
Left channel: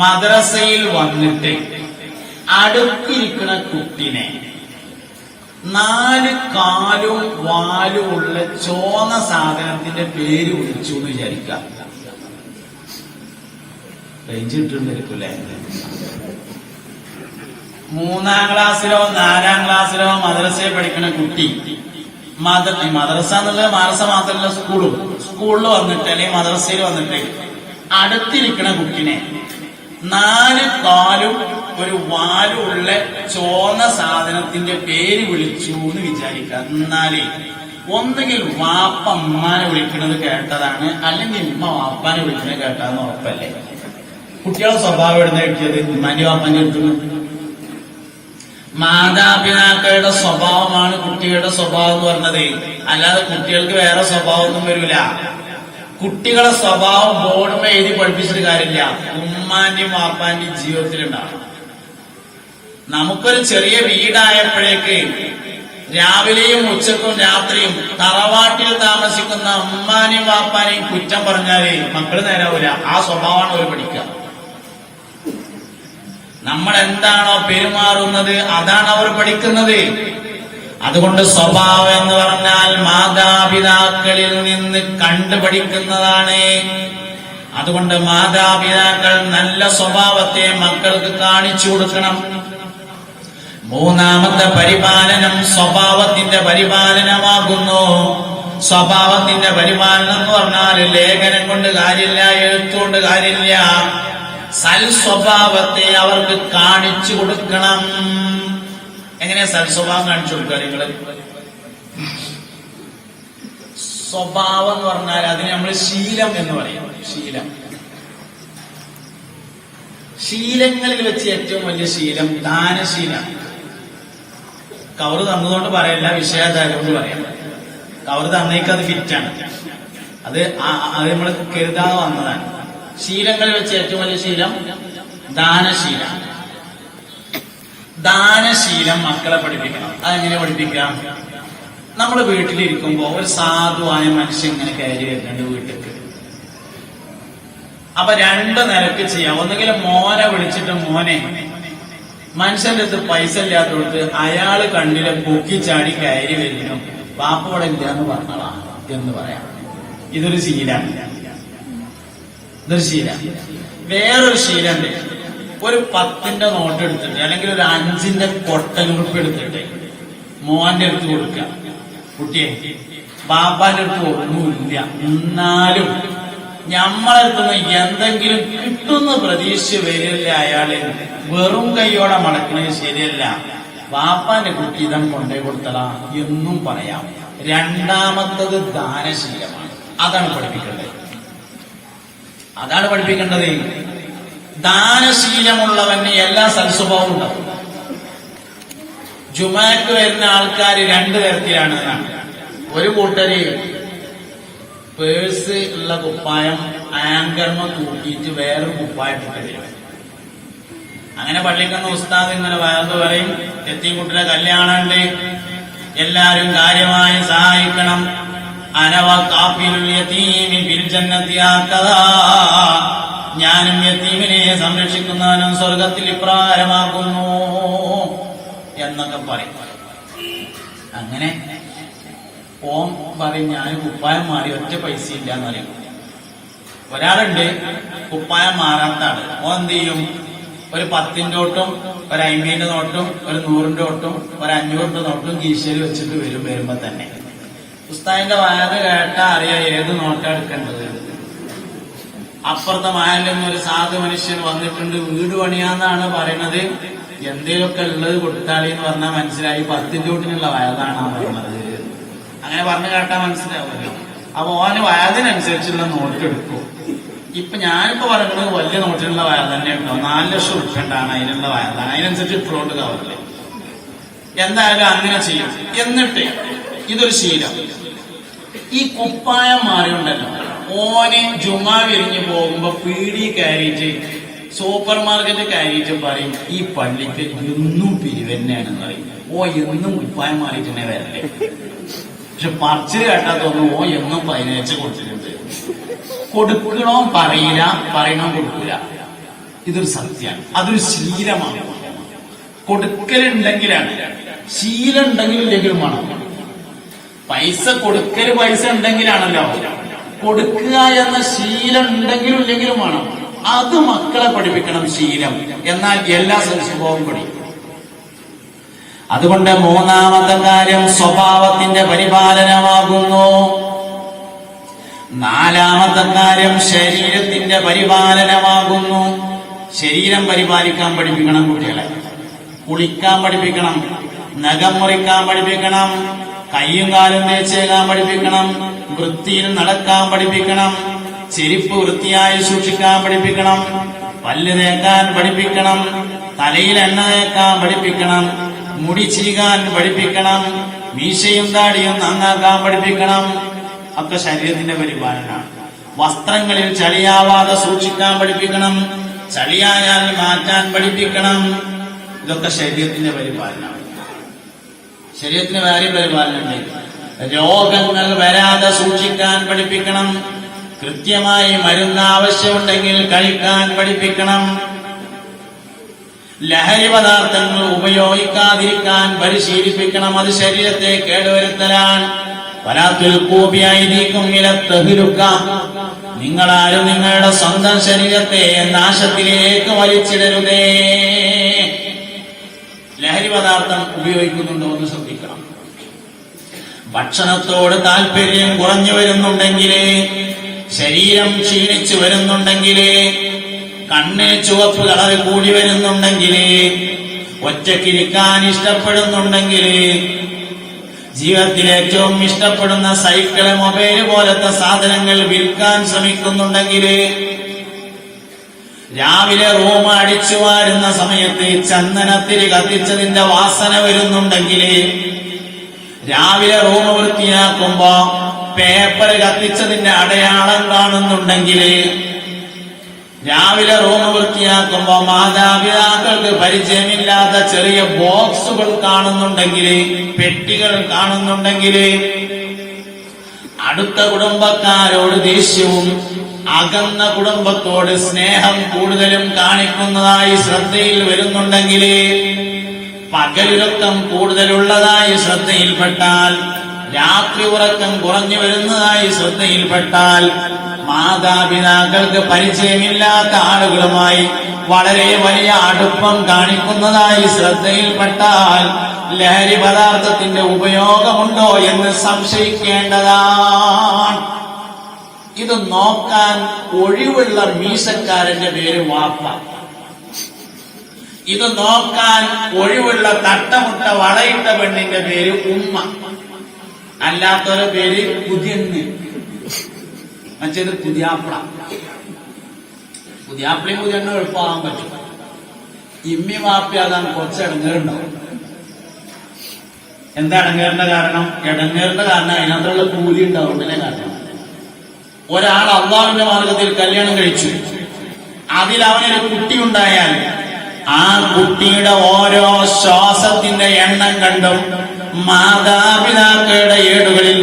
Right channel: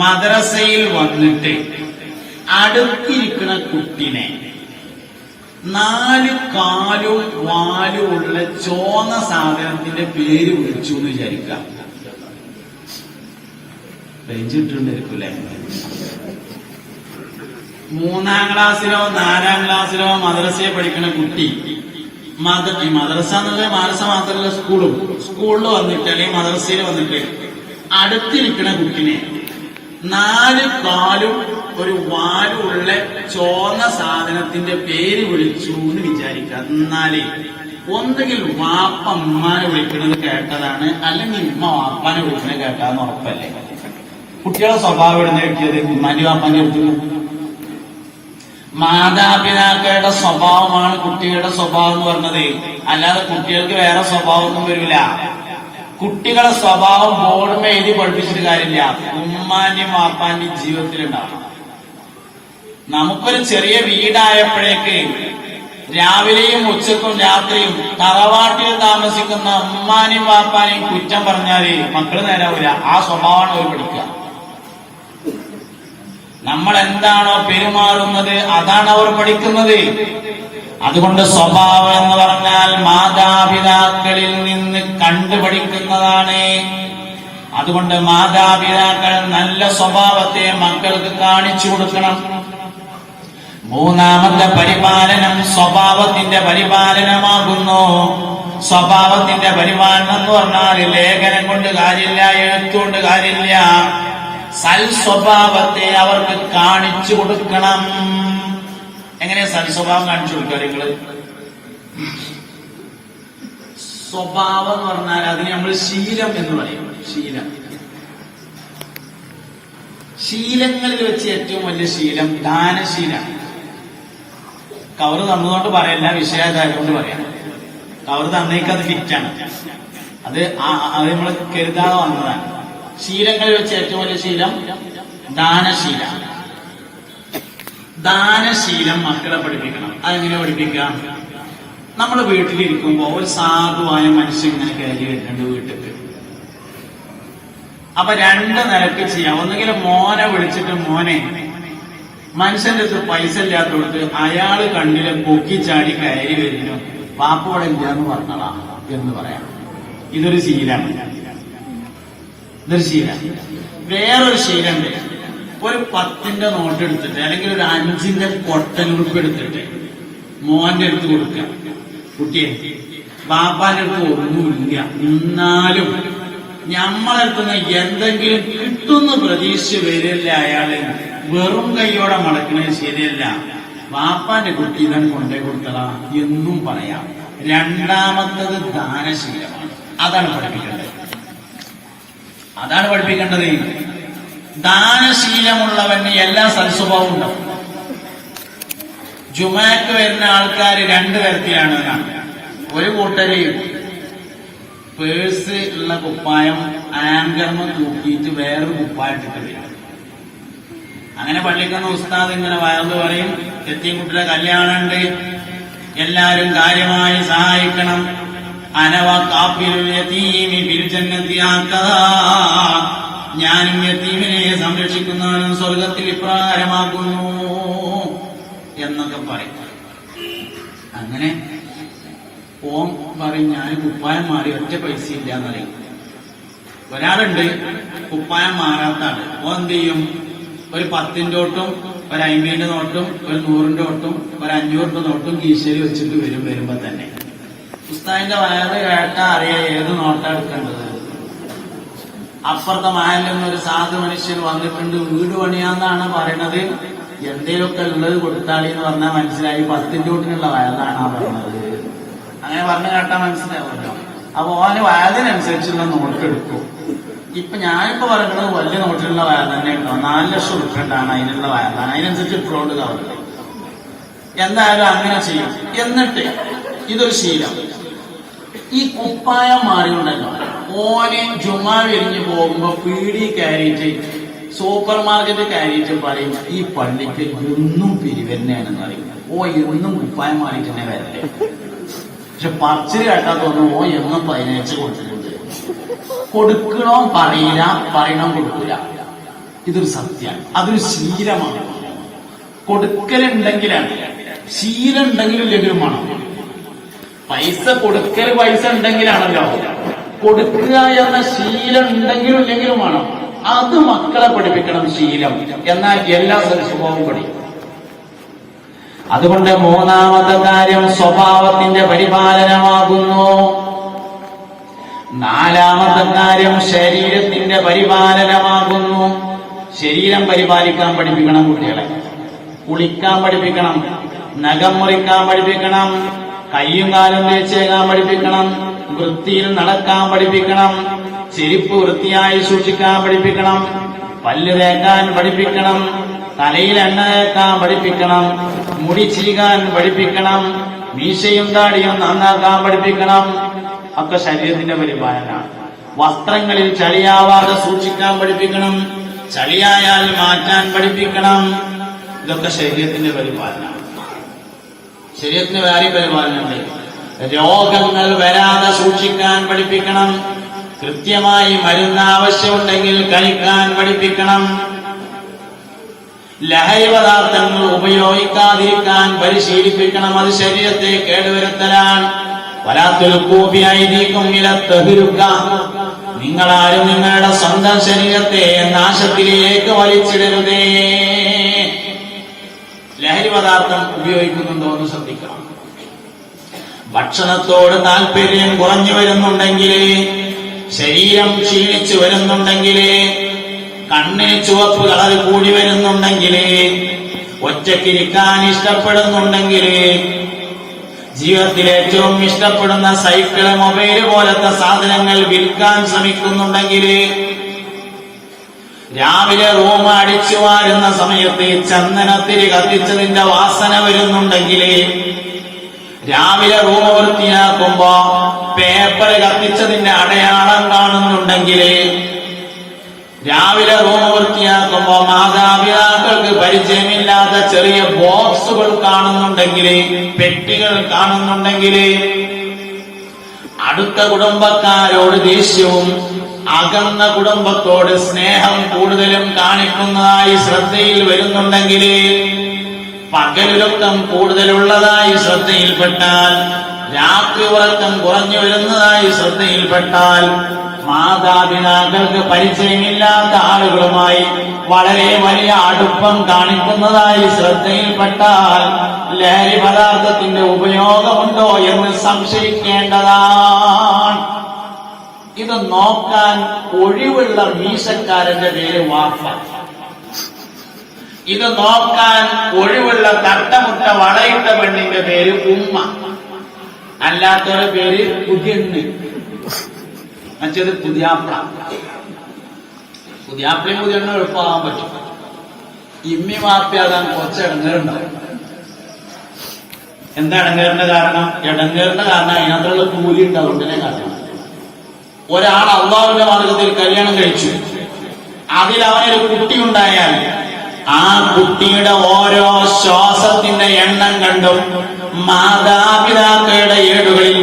മദ്രസയിൽ വന്നിട്ട് അടുത്തിരിക്കുന്ന കുട്ടിനെ 4 കാലും വാലും ഉള്ള ചോന്ന സാധനത്തിന്റെ പേര് വിളിച്ചു എന്ന് വിചാരിക്കാം. രഞ്ജിട്ടുണ്ടായിരിക്കൂലേ? 3ാം ക്ലാസ്സിലോ 4ാം ക്ലാസ്സിലോ മദ്രസയെ പഠിക്കുന്ന കുട്ടി മദ്രസ എന്നുള്ള മാനസ മാത്രമല്ല സ്കൂളിൽ വന്നിട്ട് അല്ലെങ്കിൽ മദ്രസയിൽ വന്നിട്ട് അടുത്തിരിക്കുന്ന കുട്ടിനെ 4 കാലും ഒരു വാലുള്ള ചോന്ന സാധനത്തിന്റെ പേര് വിളിച്ചു എന്ന് വിചാരിക്കാം. എന്നാലേ ഒന്നുകിൽ വാപ്പ ഉമ്മാനെ വിളിക്കുന്നത് കേട്ടതാണ്, അല്ലെങ്കിൽ ഉമ്മ വാപ്പാനെ വിളിക്കുന്നത് കേട്ടാന്ന് ഉറപ്പല്ലേ. കുട്ടികളെ സ്വഭാവം എഴുന്ന കിട്ടിയത് ഉമ്മാന്റെ വാപ്പാന്റെ എടുക്കുന്നത്. മാതാപിതാക്കളുടെ സ്വഭാവമാണ് കുട്ടികളുടെ സ്വഭാവം എന്ന് പറഞ്ഞത്, അല്ലാതെ കുട്ടികൾക്ക് വേറെ സ്വഭാവമൊന്നും വരില്ല. കുട്ടികളെ സ്വഭാവം ബോർഡുമേ എഴുതി പഠിപ്പിച്ചിട്ട് കാര്യമില്ല, ഉമ്മാന്റെയും വാപ്പാന്റെയും ജീവിതത്തിലുണ്ടാവും. നമുക്കൊരു ചെറിയ വീടായപ്പോഴേക്ക് രാവിലെയും ഉച്ചക്കും രാത്രിയും തറവാട്ടിൽ താമസിക്കുന്ന ഉമ്മാനെയും വാപ്പാനെയും കുറ്റം പറഞ്ഞാല് മക്കള് നേരാവില്ല. ആ സ്വഭാവമാണ് അവർ പഠിക്കുക. നമ്മൾ എന്താണോ പെരുമാറുന്നത് അതാണ് അവർ പഠിക്കുന്നത്. അതുകൊണ്ട് സ്വഭാവം എന്ന് പറഞ്ഞാൽ മാതാപിതാക്കളിൽ നിന്ന് കണ്ടുപഠിക്കുന്നതാണ്. അതുകൊണ്ട് മാതാപിതാക്കൾ നല്ല സ്വഭാവത്തെ മക്കൾക്ക് കാണിച്ചു കൊടുക്കണം. 3ാമത്തെ പരിപാലനം സ്വഭാവത്തിന്റെ പരിപാലനമാകുന്നു. സ്വഭാവത്തിന്റെ പരിപാലനം എന്ന് പറഞ്ഞാൽ ലേഖനം കൊണ്ട് കാര്യമില്ല, എഴുത്തുകൊണ്ട് കാര്യമില്ല. സൽസ്വഭാവത്തെ അവർക്ക് കാണിച്ചു കൊടുക്കണം. എങ്ങനെയാ സൽസ്വഭാവം കാണിച്ചു കൊടുക്കുക? നിങ്ങള് സ്വഭാവം എന്ന് പറഞ്ഞാൽ അതിന് നമ്മൾ ശീലം എന്ന് പറയും. ശീലങ്ങളിൽ വെച്ച് ഏറ്റവും വലിയ ശീലം ദാനശീലം. കവറ് തന്നതുകൊണ്ട് പറയല്ല, വിഷയാധാരകൊണ്ട് പറയാം. കവറ് തന്നേക്ക് അത് ഫിറ്റാണ്, അത് നമ്മൾ കരുതാതെ വന്നതാണ്. ശീലങ്ങളിൽ വെച്ച് ഏറ്റവും വലിയ ശീലം ദാനശീലം. ദാനശീലം മക്കളെ പഠിപ്പിക്കണം. അതെങ്ങനെ പഠിപ്പിക്കാം? നമ്മൾ വീട്ടിലിരിക്കുമ്പോ ഒരു സാധുവായ മനുഷ്യൻ ഇങ്ങനെ കയറി വരുന്നുണ്ട് വീട്ടിൽ. അപ്പൊ 2 നിലക്ക് ചെയ്യാം. ഒന്നുകിൽ മോനെ വിളിച്ചിട്ട്, മോനെ, മനുഷ്യന്റെ അടുത്ത് പൈസ ഇല്ലാത്തോട്ട് അയാള് കണ്ണിലെ പൊക്കിച്ചാടി കയറി വരുന്നു, പാപ്പോടെ ഇല്ലാന്ന് പറഞ്ഞോളാ എന്ന് പറയാം. ഇതൊരു ശീലാണ്. വേറൊരു ശീലമുണ്ട്. ഒരു 10ന്റെ നോട്ട് എടുത്തിട്ട് അല്ലെങ്കിൽ ഒരു 5ന്റെ കൊട്ടനുറുപ്പ് എടുത്തിട്ട് മോന്റെ അടുത്ത് കൊടുക്കുക. കുട്ടിയെ, ബാപ്പാന്റെ അടുത്ത് ഒന്നുമില്ല, എന്നാലും ഞമ്മളെടുത്തുനിന്ന് എന്തെങ്കിലും കിട്ടുന്ന പ്രതീക്ഷിച്ച് വരില്ല. അയാള് വെറും കൈയോടെ മടക്കുന്നത് ശരിയല്ല. ബാപ്പാന്റെ കുട്ടി ഇതം കൊണ്ടേ കൊടുത്തളാ എന്നും പറയാം. 2ാമത്തത് ദാനശീലമാണ്. അതാണ് പഠിപ്പിക്കേണ്ടത്. ദാനശീലമുള്ളവന് എല്ലാ സൽസ്വഭാവവും ഉണ്ടാവും. ജുമാക്ക് വരുന്ന ആൾക്കാർ 2 തരത്തിലാണ്. ഒരു കൂട്ടര് പേഴ്സ് ഉള്ള കുപ്പായം ആങ്കർമ തൂക്കിയിട്ട് വേറൊരു കുപ്പായം ഇട്ടിട്ട് വരും. അങ്ങനെ പള്ളിക്കുന്ന ഉസ്താദ് ഇങ്ങനെ വയന്ന് പറയും, എത്തിക്കുട്ടിയുടെ കല്യാണമുണ്ട്, എല്ലാരും കാര്യമായി സഹായിക്കണം. അനവ കാഫിലുൽ യതീമി ഫിൽ ജന്നതി ആഖദാ, ഞാനും യതീമിനെ സംരക്ഷിക്കുന്നവനും സ്വർഗത്തിൽ ഇപ്രകാരമാക്കുന്നു എന്നൊക്കെ പറയും. അങ്ങനെ ഓം പറയും, ഞാൻ കുപ്പായം മാറി ഒറ്റ പൈസ ഇല്ല എന്ന് പറയും. ഒരാളുണ്ട് കുപ്പായം മാറാത്താണ്. ഓൻ എന്ത് ചെയ്യും? ഒരു 10ന്റെ നോട്ടും ഒരു 50ന്റെ നോട്ടും ഒരു 100ന്റെ നോട്ടും ഒരു 500ന്റെ നോട്ടും കീശയിൽ വെച്ചിട്ട് വരുമ്പോ തന്നെ ഉസ്താദിന്റെ വയത് കേട്ടാ അറിയാം ഏത് നോട്ടാ എടുക്കേണ്ടത്. അപ്പുറത്തെ മായലിൽ നിന്ന് ഒരു സാധു മനുഷ്യൻ വന്നിട്ടുണ്ട്, വീട് പണിയാന്നാണ് പറയണത്, എന്തേലൊക്കെ ഉള്ളത് കൊടുത്താളി എന്ന് പറഞ്ഞാൽ മനസ്സിലായി 10 രൂപത്തിനുള്ള വയതാണ് പറയുന്നത്. അങ്ങനെ പറഞ്ഞു കേട്ടാ മനസ്സിലാവുമല്ലോ. അപ്പൊ ഓന് വയതിനനുസരിച്ചുള്ള നോട്ട് എടുക്കും. ഇപ്പൊ ഞാനിപ്പോ പറയുന്നത് വലിയ നോട്ടിലുള്ള വയത് തന്നെ ഉണ്ടാവും. 4 ലക്ഷം ഉൾപ്പെട്ടാണ് അതിനുള്ള വയതാണ്, അതിനനുസരിച്ച് ഇട്ടുകൊണ്ട് കാവില്ലേ. എന്തായാലും അങ്ങനെ ചെയ്യും. എന്നിട്ട് ഇതൊരു ശീലം. ഈ കുപ്പായം മാറിയുണ്ടല്ലോ, ഓന് ജുമാ വിരിഞ്ഞു പോകുമ്പോ പീടി കയറിയിട്ട് സൂപ്പർ മാർക്കറ്റ് കയറിയിട്ട് പറയും ഈ പള്ളിക്ക് എന്നും പിരിവെന്നെയാണെന്ന് പറയും. ഓ എന്നും കുപ്പായം മാറിയിട്ട് തന്നെ വരല്ലേ. പക്ഷെ പറിച്ച് കേട്ടാ തോന്നുന്നു ഓ എന്നും 15 കൊടുത്തിട്ടുണ്ട്. കൊടുക്കണോ പറയില്ല, പറയണോ കൊടുക്കില്ല. ഇതൊരു സത്യമാണ്, അതൊരു ശീലമാണ്. കൊടുക്കലുണ്ടെങ്കിലാണ്, ശീലം ഉണ്ടെങ്കിലും ഇല്ലെങ്കിലും വേണം. പൈസ കൊടുക്കൽ പൈസ ഉണ്ടെങ്കിലാണല്ലോ, കൊടുക്കുക എന്ന ശീലം ഉണ്ടെങ്കിലും ഇല്ലെങ്കിലും വേണം. അത് മക്കളെ പഠിപ്പിക്കണം ശീലം. എന്നാൽ എല്ലാ സ്വഭാവവും പഠിക്കും. അതുകൊണ്ട് 3ാമത്തെ കാര്യം സ്വഭാവത്തിന്റെ പരിപാലനമാകുന്നു. 4ാമത്തെ കാര്യം ശരീരത്തിന്റെ പരിപാലനമാകുന്നു. ശരീരം പരിപാലിക്കാൻ പഠിപ്പിക്കണം കുട്ടികളെ. കുളിക്കാൻ പഠിപ്പിക്കണം, നഖം മുറിക്കാൻ പഠിപ്പിക്കണം, കയ്യും കാലും തേച്ചേക്കാൻ പഠിപ്പിക്കണം, വൃത്തിയിൽ നടക്കാൻ പഠിപ്പിക്കണം, ചെരുപ്പ് വൃത്തിയായി സൂക്ഷിക്കാൻ പഠിപ്പിക്കണം, പല്ല് തേക്കാൻ പഠിപ്പിക്കണം, തലയിൽ എണ്ണ തേക്കാൻ പഠിപ്പിക്കണം, മുടി ചീകാൻ പഠിപ്പിക്കണം, മീശയും താടിയും നന്നാക്കാൻ പഠിപ്പിക്കണം. ഒക്കെ ശരീരത്തിന്റെ പരിപാലനമാണ്. വസ്ത്രങ്ങളിൽ ചളിയാവാതെ സൂക്ഷിക്കാൻ പഠിപ്പിക്കണം, ചളിയായാൽ മാറ്റാൻ പഠിപ്പിക്കണം. ഇതൊക്കെ ശരീരത്തിന്റെ പരിപാലനമാണ്. ശരീരത്തിന് വേറെ പരിപാലനമുണ്ട്. രോഗങ്ങൾ വരാതെ സൂക്ഷിക്കാൻ പഠിപ്പിക്കണം, കൃത്യമായി മരുന്ന് ആവശ്യമുണ്ടെങ്കിൽ കഴിക്കാൻ പഠിപ്പിക്കണം, ലഹരി പദാർത്ഥങ്ങൾ ഉപയോഗിക്കാതിരിക്കാൻ പരിശീലിപ്പിക്കണം. അത് ശരീരത്തെ കേടുവരുത്തലാണ്. വലാത്തുൽക്കൂബിയായിരിക്കും ഇലത്തഹിരുക്ക. നിങ്ങളാരും നിങ്ങളുടെ സ്വന്തം ശരീരത്തെ നാശത്തിലേക്ക് വലിച്ചിടരുതേ. ലഹരി പദാർത്ഥം ഉപയോഗിക്കുന്നുണ്ടോ എന്ന് ശ്രദ്ധിക്കണം. ഭക്ഷണത്തോട് താല്പര്യം കുറഞ്ഞു വരുന്നുണ്ടെങ്കിൽ, ശരീരം ക്ഷീണിച്ചു വരുന്നുണ്ടെങ്കിൽ, കണ്ണിന് ചുവപ്പ് കളർ കൂടി വരുന്നുണ്ടെങ്കിൽ, ഒറ്റയ്ക്കിരിക്കാൻ ഇഷ്ടപ്പെടുന്നുണ്ടെങ്കിൽ, ജീവിതത്തിൽ ഏറ്റവും ഇഷ്ടപ്പെടുന്ന സൈക്കിള്, മൊബൈല് പോലത്തെ സാധനങ്ങൾ വിൽക്കാൻ ശ്രമിക്കുന്നുണ്ടെങ്കിൽ, രാവിലെ റൂം അടിച്ചു വാരുന്ന സമയത്ത് ചന്ദനത്തിരി കത്തിച്ചതിന്റെ വാസന വരുന്നുണ്ടെങ്കിൽ, രാവിലെ റൂം വൃത്തിയാക്കുമ്പോ പേപ്പർ കത്തിച്ചതിന്റെ അടയാളം കാണുന്നുണ്ടെങ്കിൽ, രാവിലെ റൂം വൃത്തിയാക്കുമ്പോ മാതാപിതാക്കൾക്ക് പരിചയമില്ലാത്ത ചെറിയ ബോക്സുകൾ കാണുന്നുണ്ടെങ്കിൽ, പെട്ടികൾ കാണുന്നുണ്ടെങ്കിൽ, അടുത്ത കുടുംബക്കാരോട് ദേഷ്യവും അകന്ന കുടുംബത്തോട് സ്നേഹം കൂടുതലും കാണിക്കുന്നതായി ശ്രദ്ധയിൽ വരുന്നുണ്ടെങ്കിൽ, പകലുറക്കം കൂടുതലുള്ളതായി ശ്രദ്ധയിൽപ്പെട്ടാൽ, രാത്രി ഉറക്കം കുറഞ്ഞു വരുന്നതായി ശ്രദ്ധയിൽപ്പെട്ടാൽ, മാതാപിതാക്കൾക്ക് പരിചയമില്ലാത്ത ആളുകളുമായി വളരെ വലിയ അടുപ്പം കാണിക്കുന്നതായി ശ്രദ്ധയിൽപ്പെട്ടാൽ, ലഹരി പദാർത്ഥത്തിന്റെ ഉപയോഗമുണ്ടോ എന്ന് സംശയിക്കേണ്ടതാണ്. ഇത് നോക്കാൻ ഒഴിവുള്ള മീശക്കാരന്റെ പേര് വാപ്പ. ഇത് നോക്കാൻ ഒഴിവുള്ള തട്ടമുട്ട വളയിട്ട പെണ്ണിന്റെ പേര് ഉമ്മ. അല്ലാത്തൊരു പേര് പുതിയണ്ണ്, മറ്റേത് പുതിയാപ്പിള. പുതിയാപ്പിളയും പുതിയണ്ണും എളുപ്പമാകാൻ പറ്റും. ഇമ്മി വാപ്പിയാകാൻ കുറച്ച് ഇടങ്ങേറുണ്ടാവും. എന്താ ഇടങ്ങേറിന്റെ കാരണം? ഇടങ്ങേറിന്റെ കാരണം അതിനകത്തുള്ള കൂലി ഉണ്ടാവുന്നതിനെ കാരണം. ഒരാൾ അള്ളാഹുവിന്റെ മാർഗത്തിൽ കല്യാണം കഴിച്ചു, അതിൽ അവനൊരു കുട്ടിയുണ്ടായാൽ ആ കുട്ടിയുടെ ഓരോ ശ്വാസത്തിന്റെ എണ്ണം കണ്ടും മാതാപിതാക്കളുടെ ഏടുകളിൽ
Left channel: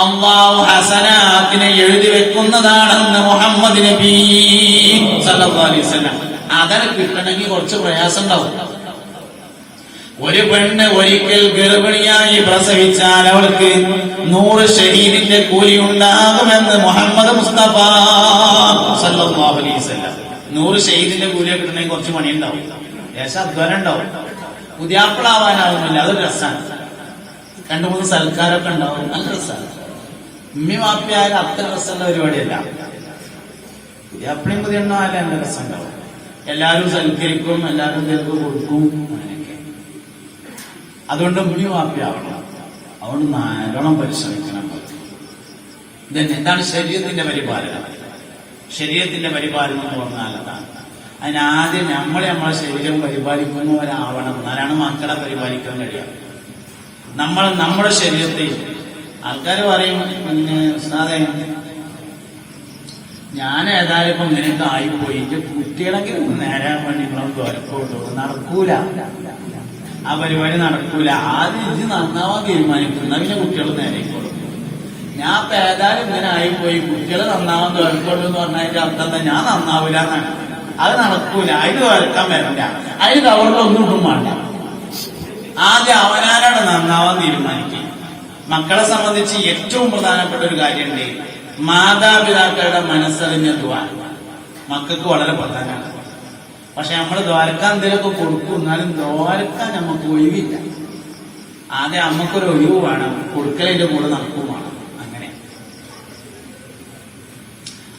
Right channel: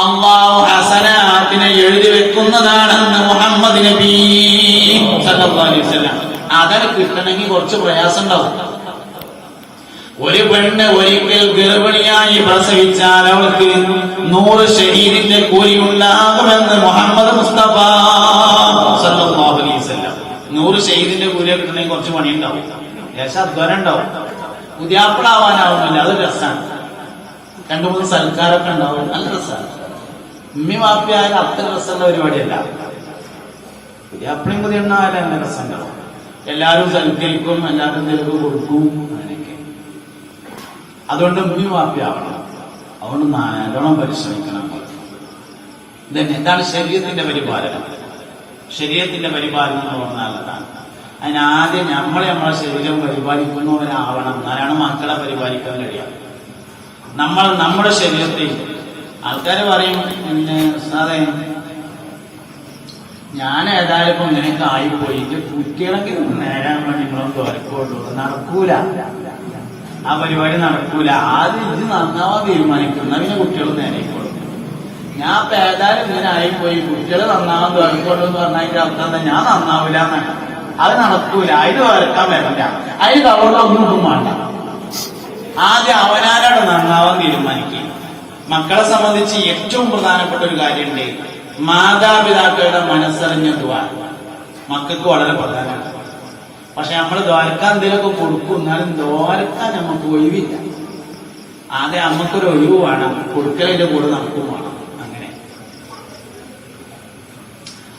അള്ളാഹു ഹസനാത്തിനെ എഴുതി വെക്കുന്നതാണെന്ന് മുഹമ്മദ് നബി സല്ലല്ലാഹു അലൈഹി വസല്ലം. അതത് കിട്ടണമെങ്കിൽ കുറച്ച് പ്രയാസം ഉണ്ടാവും. ഒരു പെണ്ണ് ഒരിക്കൽ ഗർഭിണിയായി പ്രസവിച്ചാൽ അവൾക്ക് 100 ഷഹീദിന്റെ കൂലി ഉണ്ടാകുമെന്ന് മുഹമ്മദ് മുസ്തഫ സല്ലല്ലാഹു അലൈഹി വസല്ലം. 100 ഷഹീദിന്റെ കൂലി കിട്ടണമെങ്കിൽ കുറച്ച് പണിയുണ്ടാവും, ദേശാധ്വാനം ഉണ്ടാവും. പുതിയാപ്പിളാവാനാവുന്നില്ല, അത് രസമാണ്. 2-3 സൽക്കാരൊക്കെ ഉണ്ടാവും, നല്ല രസമാണ്. ഉമ്മി വാപ്പിയായാലും അത്ര രസമുള്ള പരിപാടിയല്ല. പുതിയാപ്പിളിയും പുതിയ എണ്ണായാലും എന്നെ രസമുണ്ടാവും. എല്ലാവരും സൽക്കരിക്കും, എല്ലാവരും തെളിവ് കൊടുക്കും, അങ്ങനെയൊക്കെ. അതുകൊണ്ട് ഉമ്മി വാപ്പിയാവണം. അതുകൊണ്ട് നല്ലോണം പരിശ്രമിക്കണം. ഇതാണ് ശരീരത്തിന്റെ പരിപാലനം. ശരീരത്തിന്റെ പരിപാലനം എന്ന് പറഞ്ഞാൽ അതാണ്. അതിനാദ്യം നമ്മളെ നമ്മളെ ശരീരം പരിപാലിക്കുന്നവരാവണം. എന്നാലാണ് മക്കളെ പരിപാലിക്കാൻ കഴിയുക. നമ്മുടെ ശരീരത്തെ ആൾക്കാർ പറയും, പിന്നെ ഉസ്താദേ ഞാൻ ഏതായാലും ഇങ്ങനെയൊക്കെ ആയിപ്പോയി, കുട്ടികളെങ്കിലും നേരാൻ വേണ്ടി നിങ്ങളൊക്കെ വരക്കോട്ടു. നടക്കൂല, ആ പരിപാടി നടക്കൂല. ആദ്യം ഇത് നന്നാവാൻ തീരുമാനിക്കുന്ന പിന്നെ കുട്ടികൾ നേരെക്കോളും. ഞാൻ ഇപ്പൊ ഏതായാലും ഇങ്ങനെ ആയിപ്പോയി, കുട്ടികൾ നന്നാവാൻ വരക്കോട്ടു എന്ന് പറഞ്ഞതിന്റെ അർത്ഥം ഞാൻ നന്നാവില്ല എന്നാണ്. അത് നടക്കൂല, അതിന് വരക്കാൻ വരില്ല, അതിന് തവറിലൊന്നും വേണ്ട. ആദ്യം അവനാരോട് നന്നാവാൻ തീരുമാനിക്കുക. മക്കളെ സംബന്ധിച്ച് ഏറ്റവും പ്രധാനപ്പെട്ട ഒരു കാര്യമുണ്ട്, മാതാപിതാക്കളുടെ മനസ്സറിഞ്ഞ ദുആ മക്കൾക്ക് വളരെ പ്രധാനമാണ്. പക്ഷെ നമ്മൾ ദ്വാരക്കാൻ എന്തെങ്കിലുമൊക്കെ കൊടുക്കും, എന്നാലും ദ്വാരക്കാൻ നമുക്ക് ഒഴിവില്ല. ആകെ നമുക്കൊരു ഒഴിവ് വേണം, കൊടുക്കലിന്റെ കൂടെ നമുക്കും വേണം. അങ്ങനെ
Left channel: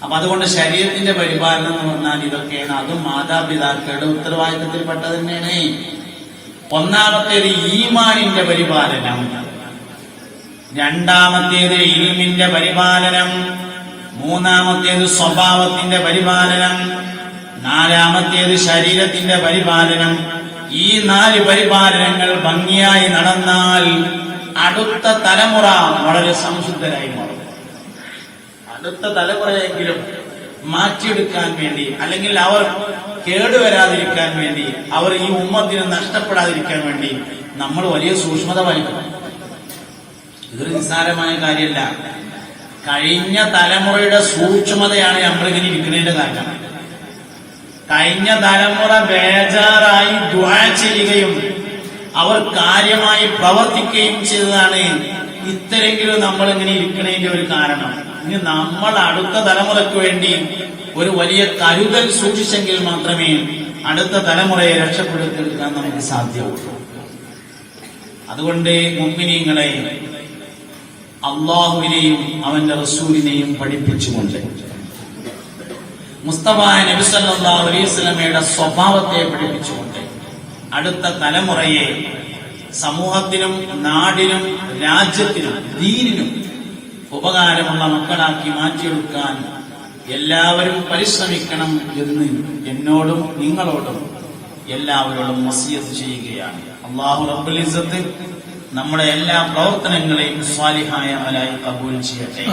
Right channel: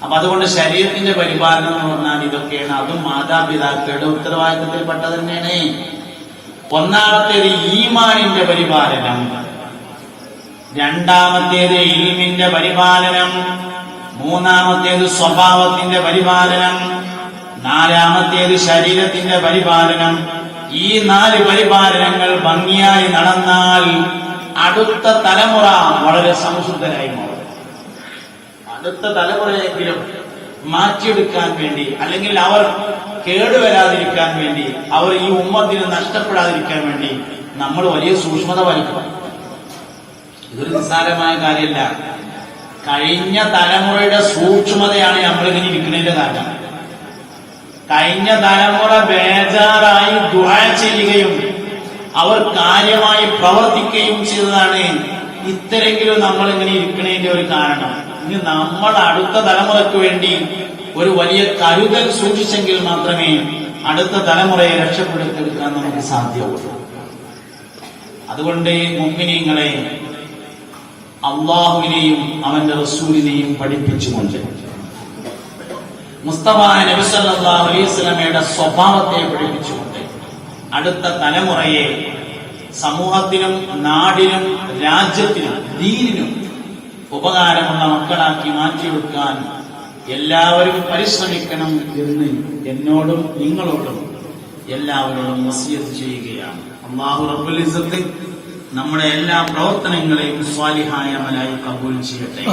അപ്പൊ അതുകൊണ്ട് ശരീരത്തിന്റെ പരിപാലനം എന്ന് പറഞ്ഞാൽ ഇതൊക്കെയാണ്. അതും മാതാപിതാക്കളുടെ ഉത്തരവാദിത്തത്തിൽപ്പെട്ടത് തന്നെയാണ്. ഒന്നാമത്തേത് ഈമാനിന്റെ പരിപാലനം, രണ്ടാമത്തേത് ഇൽമിന്റെ പരിപാലനം, മൂന്നാമത്തേത് സ്വഭാവത്തിന്റെ പരിപാലനം, നാലാമത്തേത് ശരീരത്തിന്റെ പരിപാലനം. ഈ 4 പരിപാലനങ്ങൾ ഭംഗിയായി നടന്നാൽ അടുത്ത തലമുറ വളരെ സംശുദ്ധരായി മാറും. അടുത്ത തലമുറയെങ്കിലും മാറ്റിയെടുക്കാൻ വേണ്ടി, അല്ലെങ്കിൽ അവർ കേടുവരാതിരിക്കാൻ വേണ്ടി, അവർ ഈ ഉമ്മത്തിന് നഷ്ടപ്പെടാതിരിക്കാൻ വേണ്ടി നമ്മൾ വലിയ സൂക്ഷ്മത പാലിക്കണം. ഇതൊരു നിസ്സാരമായ കാര്യമല്ല. കഴിഞ്ഞ തലമുറയുടെ സൂക്ഷ്മതയാണ് നമ്മളിങ്ങനെ ഇരിക്കുന്നതിന്റെ കാരണം. കഴിഞ്ഞ തലമുറ ബേജാറായി ദുആ ചെയ്യുകയും അവർ കാര്യമായി പ്രവർത്തിക്കുകയും ചെയ്തതാണ് ഇത്തരെങ്കിലും നമ്മളിങ്ങനെ ഇരിക്കുന്നതിന്റെ ഒരു കാരണം. ഇനി നമ്മൾ അടുത്ത തലമുറയ്ക്ക് വേണ്ടി ഒരു വലിയ കരുതൽ സൂക്ഷിച്ചെങ്കിൽ മാത്രമേ അടുത്ത തലമുറയെ രക്ഷപ്പെടുത്തിയെടുക്കാൻ നമുക്ക് സാധ്യമാവൂ. അതുകൊണ്ട് മുഅ്മിനീങ്ങളെ അള്ളാഹുവിനെയും അവന്റെ റസൂലിനെയും പഠിപ്പിച്ചുകൊണ്ട്, മുസ്തഫ നബി സല്ലല്ലാഹു അലൈഹി വസല്ലമയുടെ സ്വഭാവത്തെ പഠിപ്പിച്ചുകൊണ്ട് അടുത്ത തലമുറയെ സമൂഹത്തിനും നാടിനും രാജ്യത്തിനും ദീനിനും ഉപകാരമുള്ള മക്കളാക്കി മാറ്റിയെടുക്കാൻ എല്ലാവരും പരിശ്രമിക്കണം എന്ന് എന്നോടും നിങ്ങളോടും എല്ലാവരോടും വസിയത്ത് ചെയ്യുകയാണ്. അല്ലാഹു റബ്ബുൽ ഇസ്സത്ത് നമ്മുടെ എല്ലാ പ്രവർത്തനങ്ങളെയും സ്വാലിഹായ അമലായി കബൂൽ ചെയ്യട്ടെ.